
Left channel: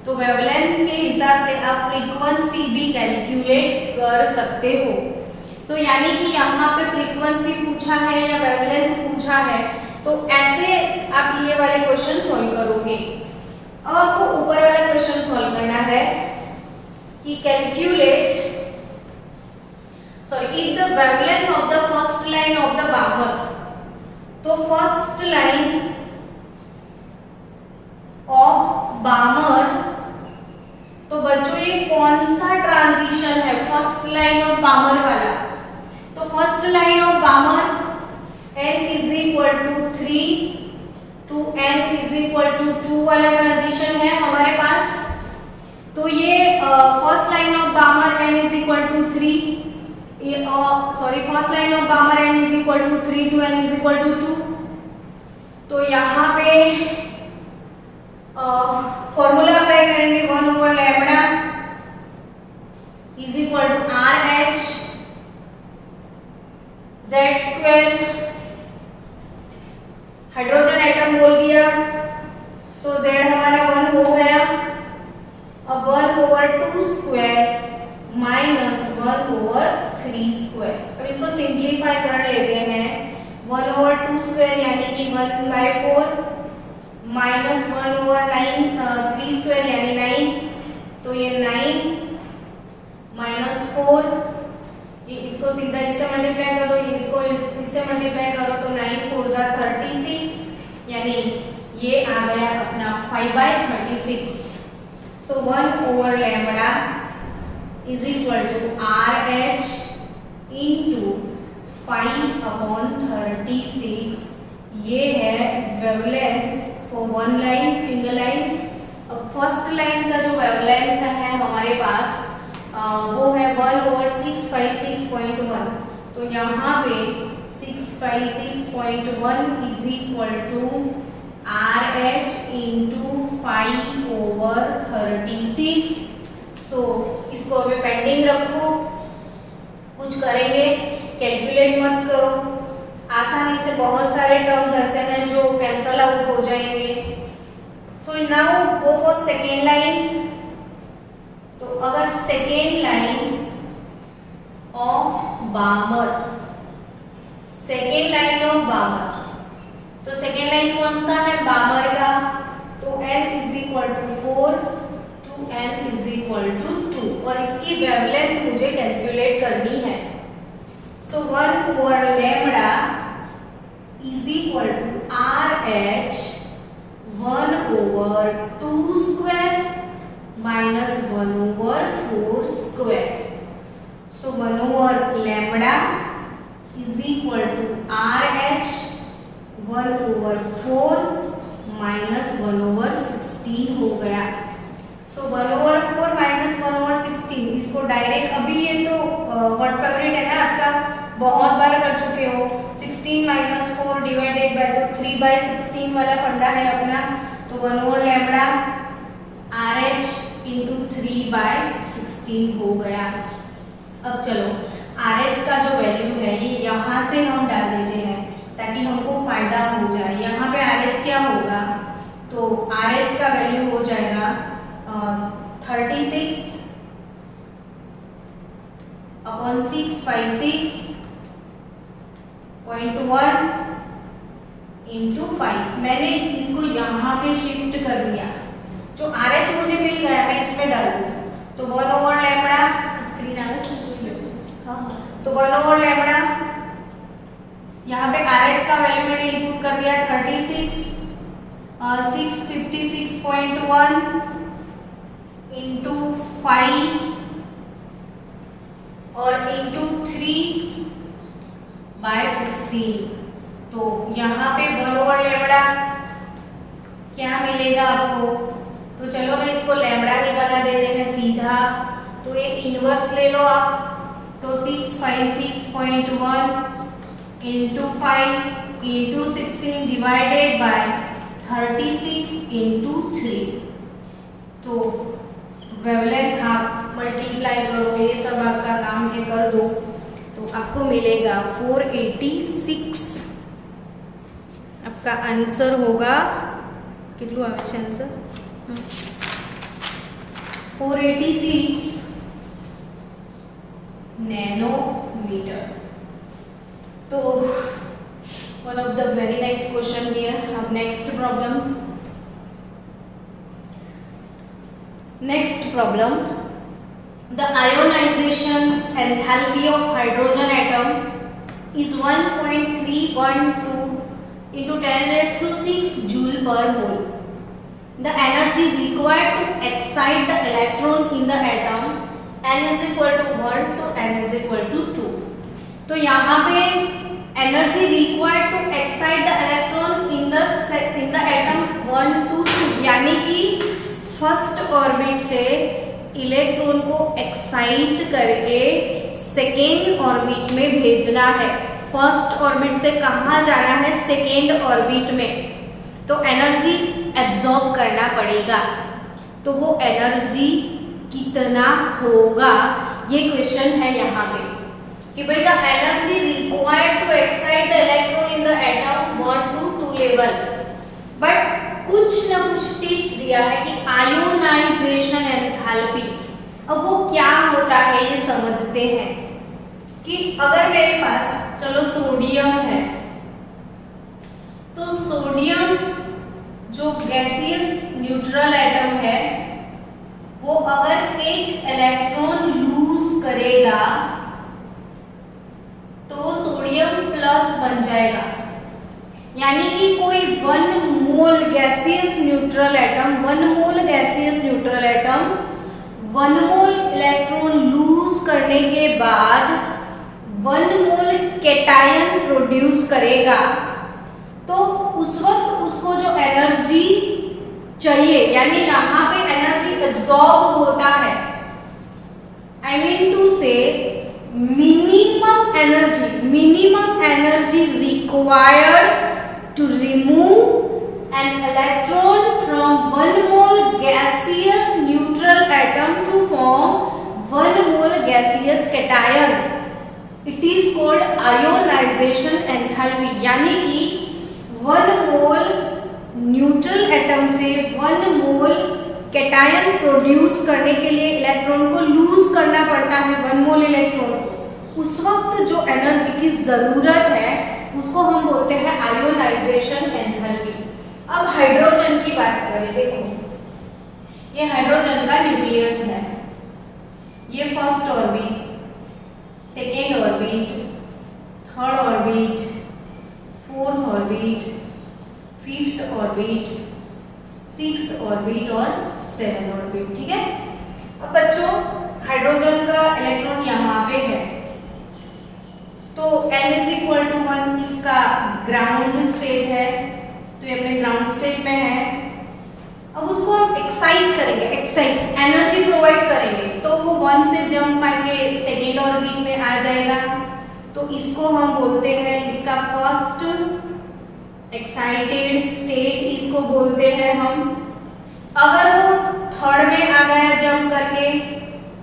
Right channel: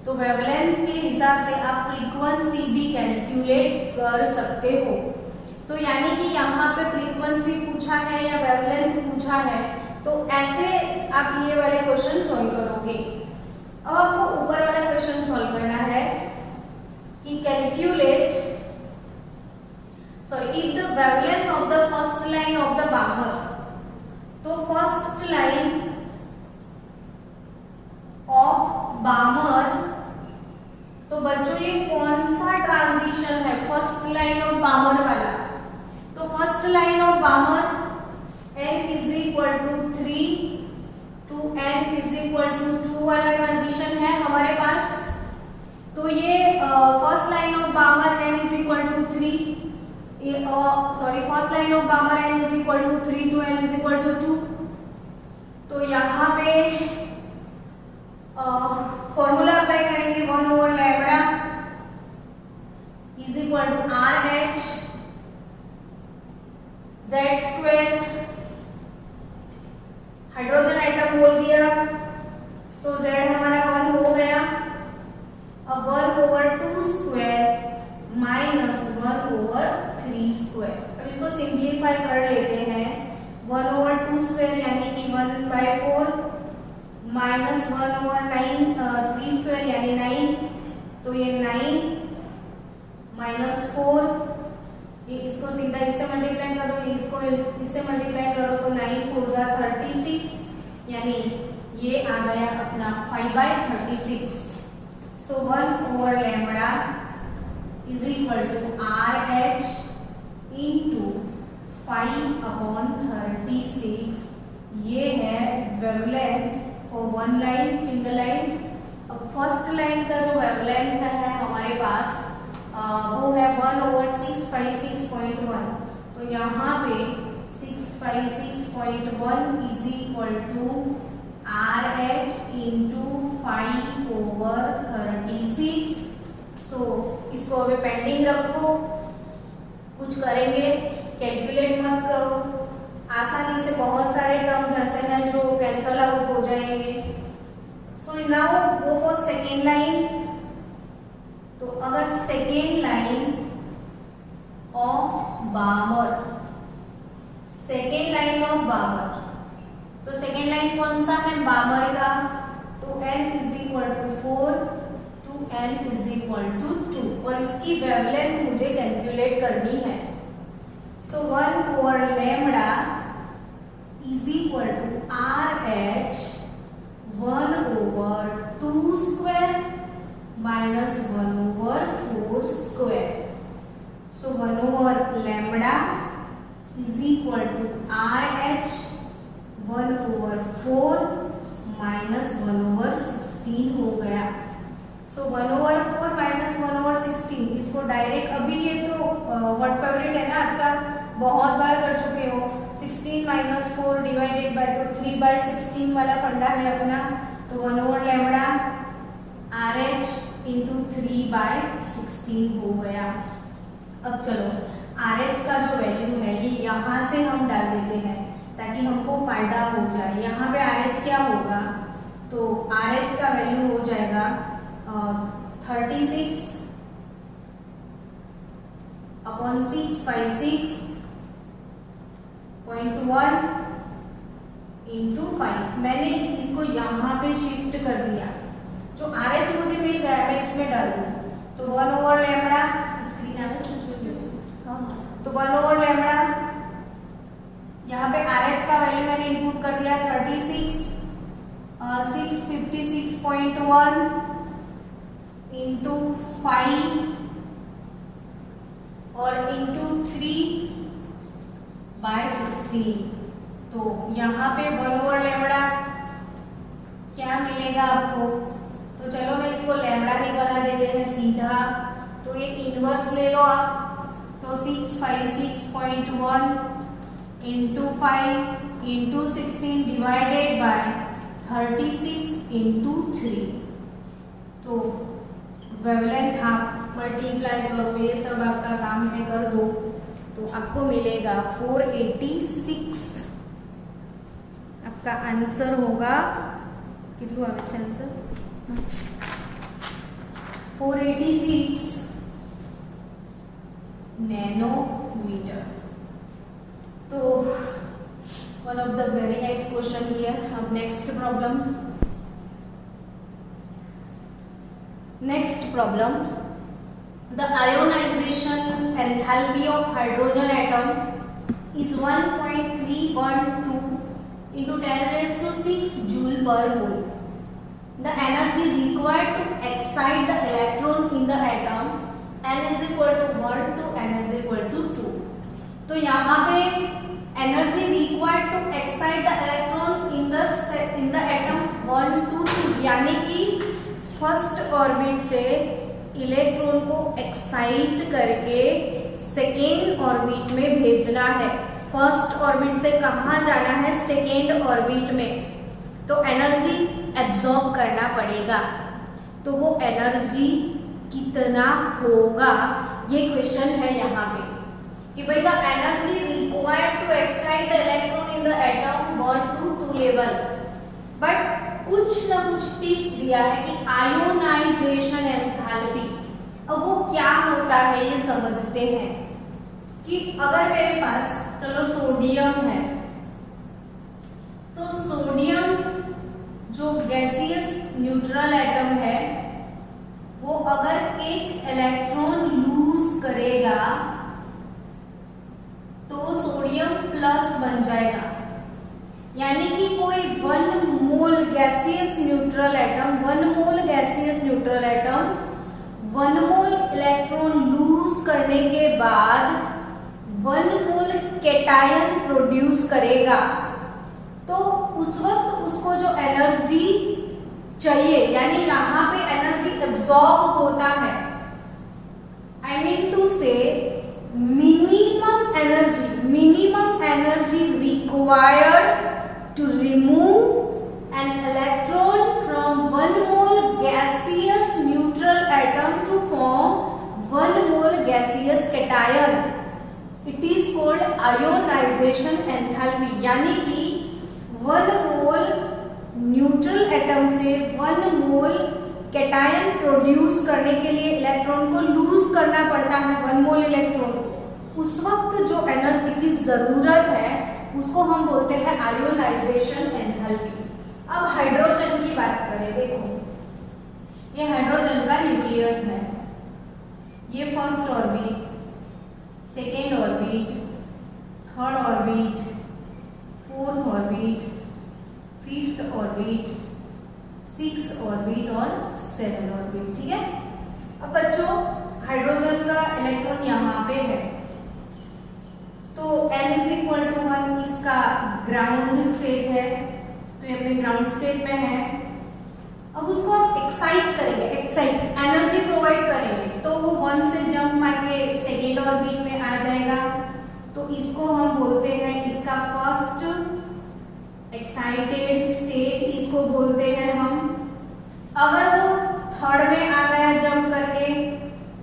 तो वेवलेंथ के हिसाब से आप फ्रीक्वेंसी भी कैलकुलेट कर सकते हो। तो यानी कि यहाँ पे फ्रीक्वेंसी पूछा है या वेवलेंथ पूछा है, तो ऐसे आप ये वाले क्वेश्चन सॉल्व करोगे। अब आपको ऊपर वाला क्वेश्चन सॉल्व करना है कि calculate if the wavelength of the first line of the बामर, तो फर्स्ट लाइन ऑफ बामर, तो बच्चों ये कौन सा ट्रांजिशन है, फर्स्ट लाइन ऑफ बामर वाला, तो first line of Balmer n is equal to 3 to n is equal to 2 वाला ट्रांजिशन है हमारे पास। तो ये first line of Balmer n is equal to 3, first line of Balmer n is equal to 3 to n is equal to 2। तो यहाँ पे formula apply करेंगे 1 over lambda is equal to RH Z square, hydrogen atom बोल दिया तो Z हमारा 1 हो गया, अब 1 over 2 square minus 1 over 3 square. अब इसको सिंप्लीफाई कर लेते हैं, 1 ओवर 2 स्क्वायर यानी कि 1/4 माइनस 1 ओवर 3 स्क्वायर यानी 9, तो ये 9 माइनस 4, ये इसको सीधा इससे मल्टीप्लाई करो, इसको इससे मल्टीप्लाई करो तो 9 4 जा 36, यानी ये आ गया अपना 5/36। So 1 over lambda is equal to RH into 5/36, ये है wavelength for one line single line. अब फर्स्ट लाइन का जो वेवलेंथ है हमारे पास वो है 1/656.1। तो यहाँ पे 656.1 is equal to RH into 5/36। So इसको अभी पेंडिंग रखो, कुछ करेंगे, कैलकुलेट मत करो। आसानी से बहुत सारे टर्म्स ऐसे हैं जो कैंसल आउट हो जाएंगे। So now go for second line. तो अगर second line of बामर, second line of बामर, तो सेकेंड लाइन कौन सा है बामर का, तो n is equal to 4 to n is equal to 2 और इसकी वेवलेंथ मुझे कैलकुलेट करनी है। So 1/λ is equal to RH 1/2 square minus 1/4 square. So 1/λ is equal to RH 1/4 minus 1/16 हो गया। सो 1/4 माइनस 1/16, इसको डायरेक्ट अभी ये तो व्हाट फेवरेट है ना आपका, बहुत बार कर चुके हो। 16 माइनस 4 डिवाइडेड बाय, तो 3/16 वाला फंडा है अपना। तो 1/λ RH इंटू 3/16 हो गया। अब चलो RH का जो वैल्यू है ये यहाँ से हम डाल देते हैं ताकि हमको फायदा हो जाए। यहाँ पे RH क्या होगा, तो RH का वैल्यू हो जाएगा 36 अपॉन 656.1 इंटू 5। मैंने इसको यहाँ पे शिफ्ट कर दिया, जो RH मुझे मिल गया मैं इसमें डाल दूँ। तो 1/λ स्क्रीन आ तो 1/λ यहाँ पे RH का वैल्यू मैंने इनपुट कर दिया 36 656.1 इंटू 5 और इंटू 3/16। तो यहाँ पे 1/λ क्या मिलेगा आपको, तो चलो मैं इसको लैम्बडा ही बना देते हैं सीधा। तो ये इनवर्स ले लो आप, तो 656.1 into 5 into 16 divided by 36 into 3। तो वेवलेंथ आप मल्टीप्लाई करो, ये सब आपका काम है, कर दो तो आपको मिलेगा 486। आपका आंसर होगा कितना आवे छे आंसर 486 नैनोमीटर। तो one of the very nice question here. अब next problem, next problem, the ionization enthalpy of hydrogen atom is 1.312 into 10⁶ joule per mole. The energy required to excite the electron in the atom n is equal to 1 to n is equal to 2. तो यहाँ पे energy required to excite the electron in the atom 1 to 2, यानी कि first orbit से electron को excite करके second orbit में भेजना है। फर्स्ट ऑर्बिट से कहाँ जाना है, सेकेंड ऑर्बिट में। तो एनर्जी एब्जॉर्ब करना पड़ेगा, तो वो एनर्जी कितना होगा, ये क्वेश्चन है यहाँ पे कि भाई the energy required to excite the electron in the atom 1 to 2 level. But कुछ ना कुछ टिप्स दिया है कि आयोनाइजेशन एंथैल्पी। अब वो क्या होता है ये समझते हैं कि अगर मेरे पास चलो सोडियम है, तो सोडियम जो गैसियस न्यूट्रल एटम है वो अगर एक इलेक्ट्रॉन लूज करेगा तो सोडियम प्लस बन जाएगा। यानी कि कोई 1 mole gaseous neutral atom 1 mole gaseous neutral atom 1 mole electron lose करने के बाद 1 मोल कैटायन प्रोड्यूस करेगा। तो उस वक्त उस उसको जो एनर्जी चाहिए, यानी यहाँ पे एनर्जी एब्जॉर्ब होता है, आई मीन टू से minimum energy required to remove an electron from one mole gaseous neutral atom to form one mole gaseous cation. It is called ionization enthalpy. यानी कि 1 मोल न्यूट्रल एटम से 1 मोल cation produce करने के लिए electron को loose करना पड़ता है, 1 मोल इलेक्ट्रॉन को। उस वक्त जो एनर्जी की जरूरत है उसको हम बोलते हैं आयोनाइजेशन एंथैल्पी। अब हाइड्रोजन की बात करें, देखो ये हाइड्रोजन का न्यूक्लियस है, ये first orbit, second orbit, third orbit, fourth orbit, fifth orbit, sixth orbit और 7 ऑर्बिट। ठीक है, अब बच्चों हाइड्रोजन का इलेक्ट्रॉन यहाँ पे है, तो n=1 इसका ग्राउंड स्टेट है, तो ये अपने ग्राउंड स्टेट में है। अब उसको हम एक्साइट करेंगे, एक्साइट एनर्जी प्रोवाइड करेंगे, तो वो 1 से जंप मार के सेकेंड ऑर्बिट में आ जाएगा, तो इसको हम बोलते हैं, इसका फर्स्ट एक्साइटेड स्टेट इसको बोलते हैं हम। अगर वो थर्ड में आ गया जंप करके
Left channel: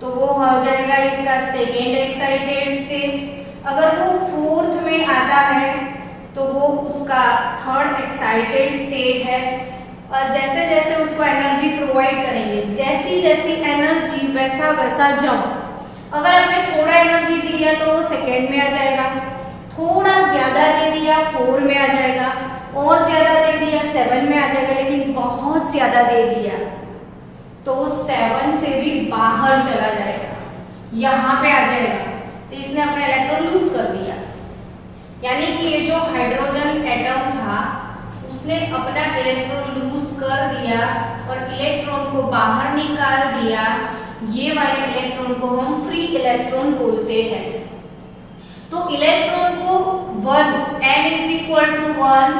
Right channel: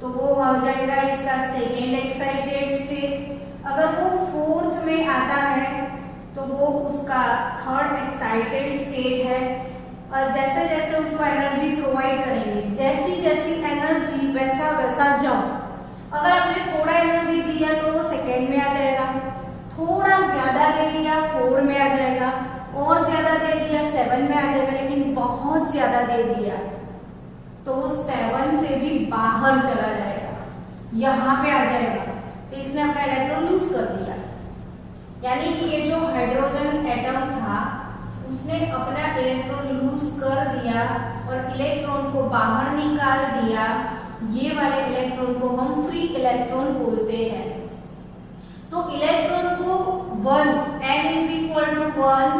तो वो हो जाएगा इसका सेकेंड एक्साइटेड स्टेट। अगर वो फोर्थ में आता है तो वो उसका थर्ड एक्साइटेड स्टेट है। और जैसे जैसे उसको एनर्जी प्रोवाइड करेंगे, जैसी जैसी एनर्जी वैसा वैसा जंप। अगर आपने थोड़ा एनर्जी दिया तो वो सेकेंड में आ जाएगा, थोड़ा ज्यादा दे दिया 4 में आ जाएगा, और ज्यादा दे दिया 7 में आ जाएगा, लेकिन बहुत ज्यादा दे दिया तो 7 से भी बाहर चला जाएगा, यहाँ पे आ जाएगा, तो इसने अपना इलेक्ट्रॉन लूज कर दिया। यानी कि ये जो हाइड्रोजन एटम था उसने अपना इलेक्ट्रॉन लूज कर दिया और इलेक्ट्रॉन को बाहर निकाल दिया। ये वाले इलेक्ट्रॉन को हम फ्री इलेक्ट्रॉन बोलते हैं। तो इलेक्ट्रॉन को 1 n=1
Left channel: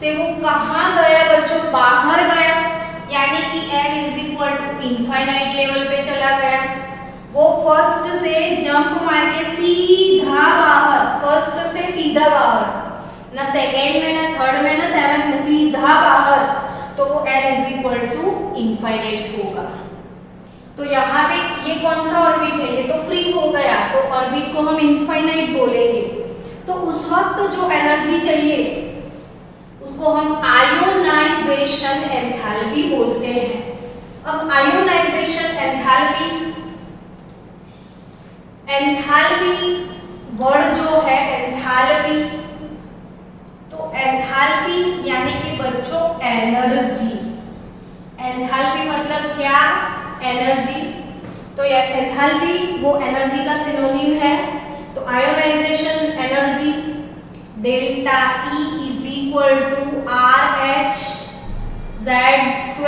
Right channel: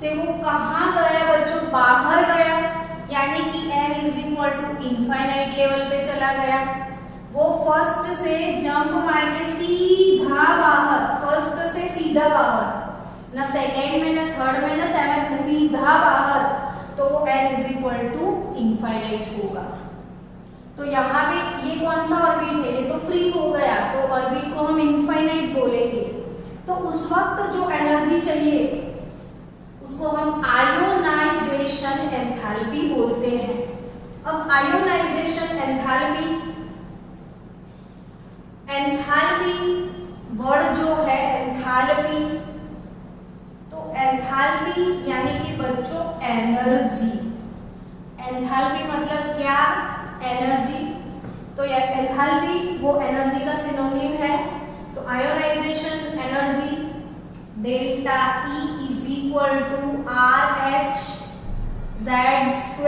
से वो कहाँ गया बच्चों, बाहर गया, यानी कि n=इनफाइनाइट लेवल पे चला गया। वो फर्स्ट से जंप मार के सीधा बाहर, फर्स्ट से सीधा बाहर, ना सेकेंड में, ना थर्ड में, ना 7 में, सीधा बाहर, तो वो n=इनफाइनाइट होगा। तो यहाँ पे ये कौन सा ऑर्बिट है, ये तो फ्री हो गया, तो ऑर्बिट को हम इनफाइनाइट बोलेंगे। तो उस वक्त जो एनर्जी चाहिए उसको हम आयोनाइजेशन एंथैल्पी बोलते हैं। अब आयोनाइजेशन एंथैल्पी, एंथैल्पी वर्ड जो है एंथैल्पी, तो एंथैल्पी यानी कि बच्चों एनर्जी। एंथैल्पी मतलब क्या, एनर्जी। तो ये एंथैल्पी वो एनर्जी का सिनोनिम है। तो ionization energy delta E = RH Z²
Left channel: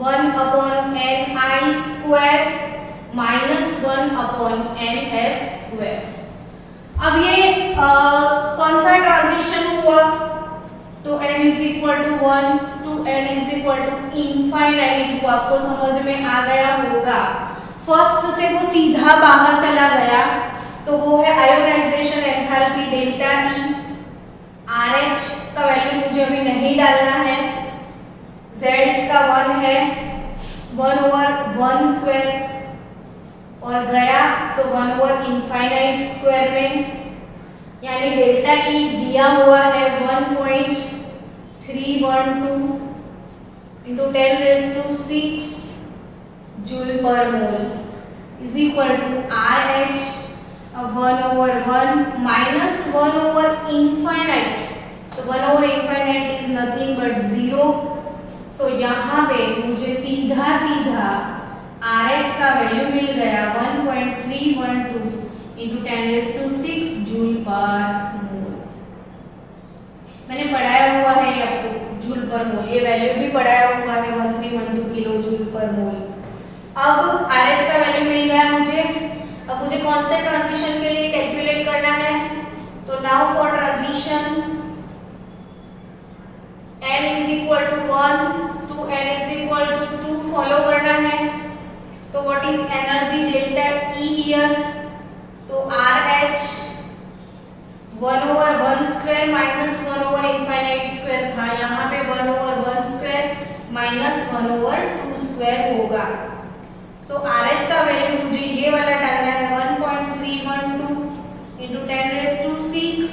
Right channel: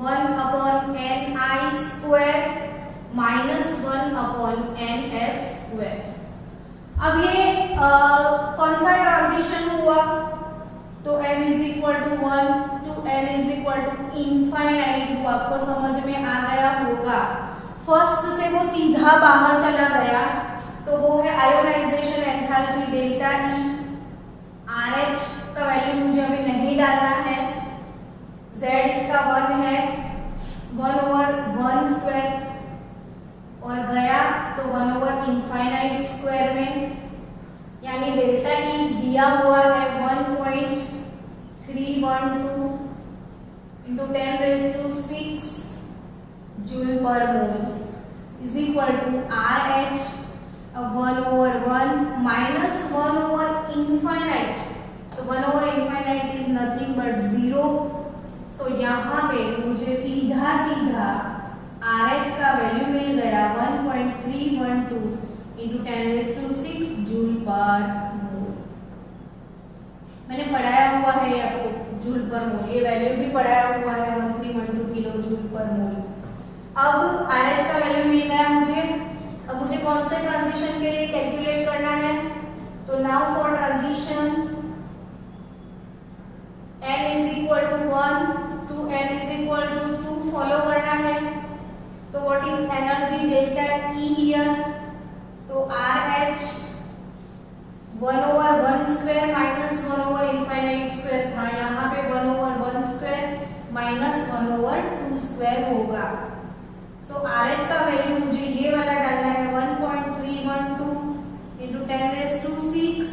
1/ni² -1/nF²। अब ये कौन सा ट्रांजिशन हुआ, तो n=1 to n=इनफाइनाइट हुआ। आपको समझ में आ गया होगा। फर्स्ट से वो सीधा बाहर चला गया, तो वो है ionisation enthalpy delta E। RH का वैल्यू मुझे अभी नहीं डालना है, Z इसका 1 है, 1/1², और गया तो 1/इनफाइनाइट² में, यानी डेल्टा E दिया हुआ है 1.312 × 10⁶ जूल पर मोल RH 1/1 - 1/इनफाइनाइट। तो 1/इनफाइनाइट इज नथिंग बट 0। सो यहाँ पे मुझे सीधा सीधा RH का वैल्यू मिल गया 1.312 × 10⁶ जूल पर मोल। मैंने पढ़ाया हुआ है ये आपको जूल पर मोल, ये वैल्यू भी पढ़ाया हुआ है 1312 किलो जूल पर मोल। अब RH का वैल्यू मिल गया मुझे। अब मुझे कौन से ट्रांजिशन के लिए कैलकुलेट करना है, तो now for transition to 1 to n is equal to 2 follow करना है। तो what is energy delta E here? तो RH 1/1 स्क्वायर माइनस 1/इनफाइनाइट स्क्वायर था, यहाँ पे 1/1 स्क्वायर माइनस 1/2 स्क्वायर होगा। सो RH का वैल्यू मुझे ये वाला डालना है 1.312 इंटू 10⁶,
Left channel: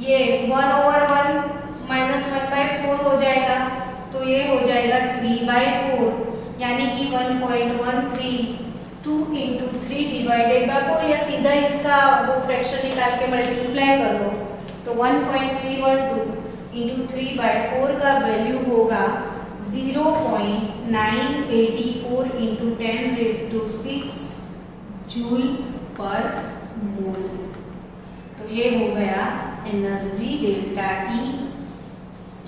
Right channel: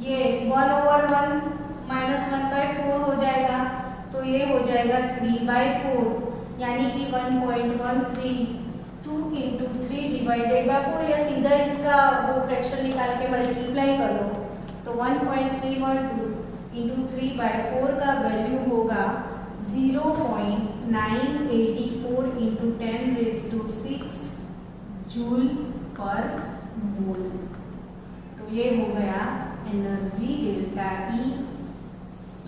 ये 1/1 माइनस 1/4 हो जाएगा, तो ये हो जाएगा 3/4, यानी कि 1.132 इंटू 3 डिवाइडेड बाय 4, या सीधा इसका वो फ्रैक्शन निकाल के मल्टीप्लाई कर लो। तो 1.312 इंटू 3/4 का वैल्यू होगा 0.984 इंटू 10⁶ जूल पर मोल। तो ये हो गया energy delta E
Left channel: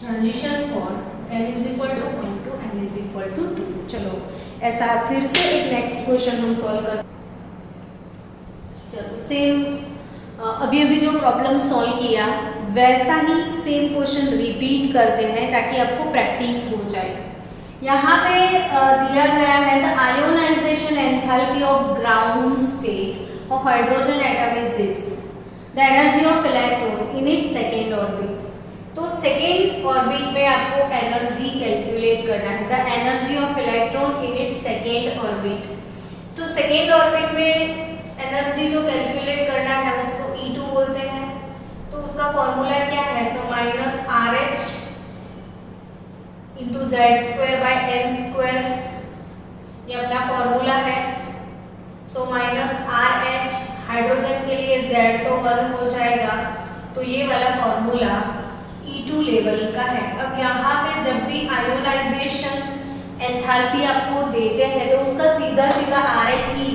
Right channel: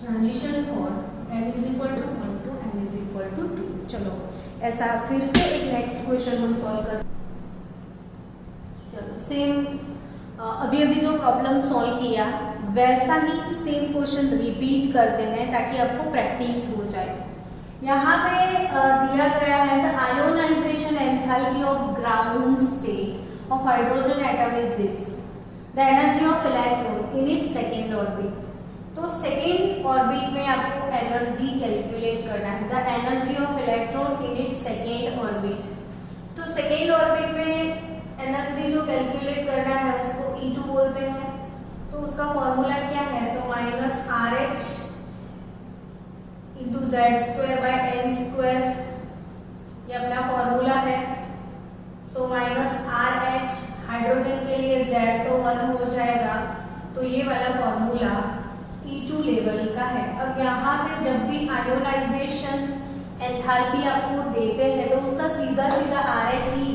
transition for n is equal to 1 to n is equal to 2। चलो ऐसा फिर से एक नेक्स्ट क्वेश्चन हम सॉल्व कर, चलो सेम अभी जो प्रॉब्लम सॉल्व किया वैसा ही सेम क्वेश्चन रिपीट करते हैं ताकि आपको प्रैक्टिस हो जाए। यहाँ पे दिया गया है the ionisation enthalpy of ground state of hydrogen atom is this, the energy of electron in its second orbit. तो सेकेंड ऑर्बिट में आपको एनर्जी कैलकुलेट करना है, the energy of electron in its second orbit. तो second orbit में energy जो calculate करना है उसको E2 बोलते हैं। तो उसका फॉर्मूला क्या है? तो माइनस RH इंटू Z²/n², ये अपना फॉर्मूला है। सो माइनस RH, हाइड्रोजन के लिए Z तो 1 हो जाएगा, तो ये वाला फॉर्मूला E2 लेवल का है। अब यहाँ पे जब भी आयोनाइजेशन एंथैल्पी आपको देते हैं तो उसका सीधा RH ही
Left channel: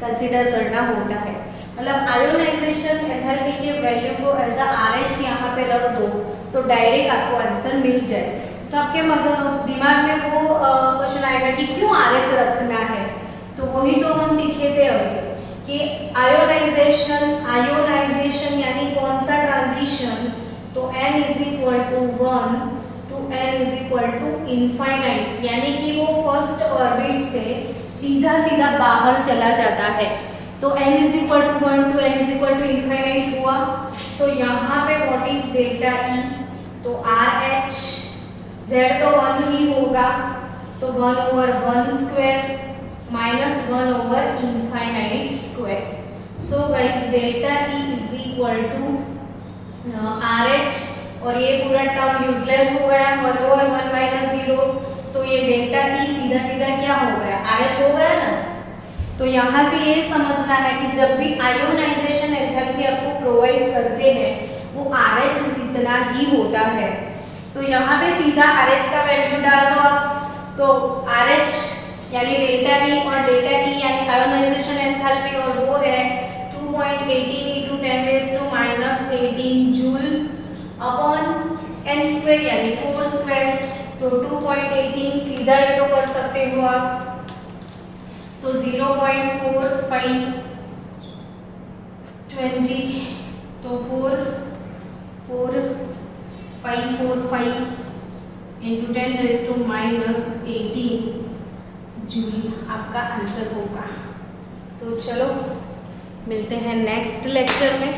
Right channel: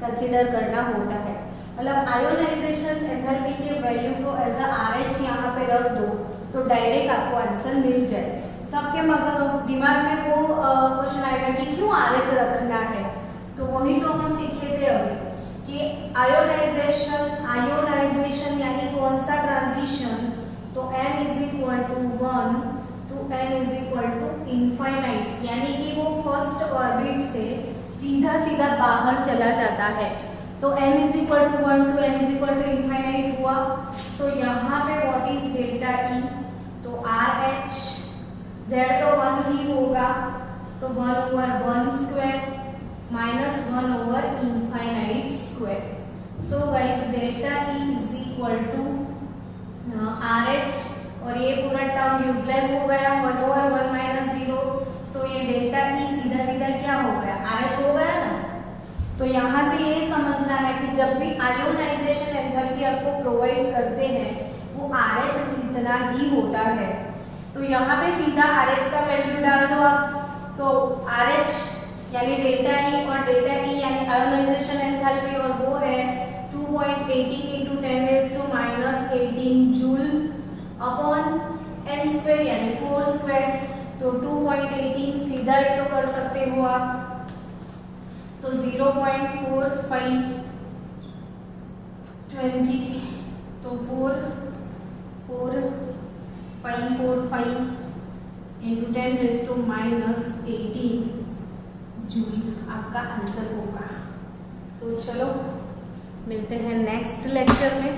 कंसीडर करना होता है। मतलब आयोनाइजेशन एंथैल्पी के वैल्यू को एज अ RH यहाँ पे रख दो तो डायरेक्ट आपको आंसर मिल जाए। तो आपके दिमाग में वो क्वेश्चन आएगा कि क्यों RH रखना है? तो वही तो हम सीखे थे अभी कि आयोनाइजेशन यानी कौन सा ट्रांजिशन? तो n is equal to 1 to n is equal to infinite, यानी कि वो फर्स्ट ऑर्बिट से सीधा बाहर चला जाता है। तो n is equal to 1 to n is equal to infinite हुआ। तो यहाँ पे व्हाट इज डेल्टा E? तो RH Z तो 1 ही होगा, तो 1/1 स्क्वायर माइनस 1/इनफाइनाइट square. So guys delta E is equal to RH, और ये पूरा टर्म यूजलेस हो गया, 1/1 माइनस 0, तो ये डेल्टा E सीधा क्या हो गया? RH हो गया ना। तो यहाँ से ये समझना है कि जब भी आयोनाइजेशन एंथैल्पी आपको प्रोवाइड करते हैं वो RH इतना ही होता है। तो यहाँ पे सीधा RH का वैल्यू डाल दो आप, तो RH यानी डेल्टा E और डेल्टा E यानी आयोनाइजेशन एंथैल्पी, और वो है 2.18 इंटू 10⁻⁻18 जूल अपॉन n² यानी 4 स्क्वायर। तो 2.18 सीधा ये तो कर सकते हो आप, तो 0.4520, तो 44545 इंटू 10⁻⁻18 जूल आपका आंसर होगा। तो चलो मिलते हैं नेक्स्ट लेक्चर में।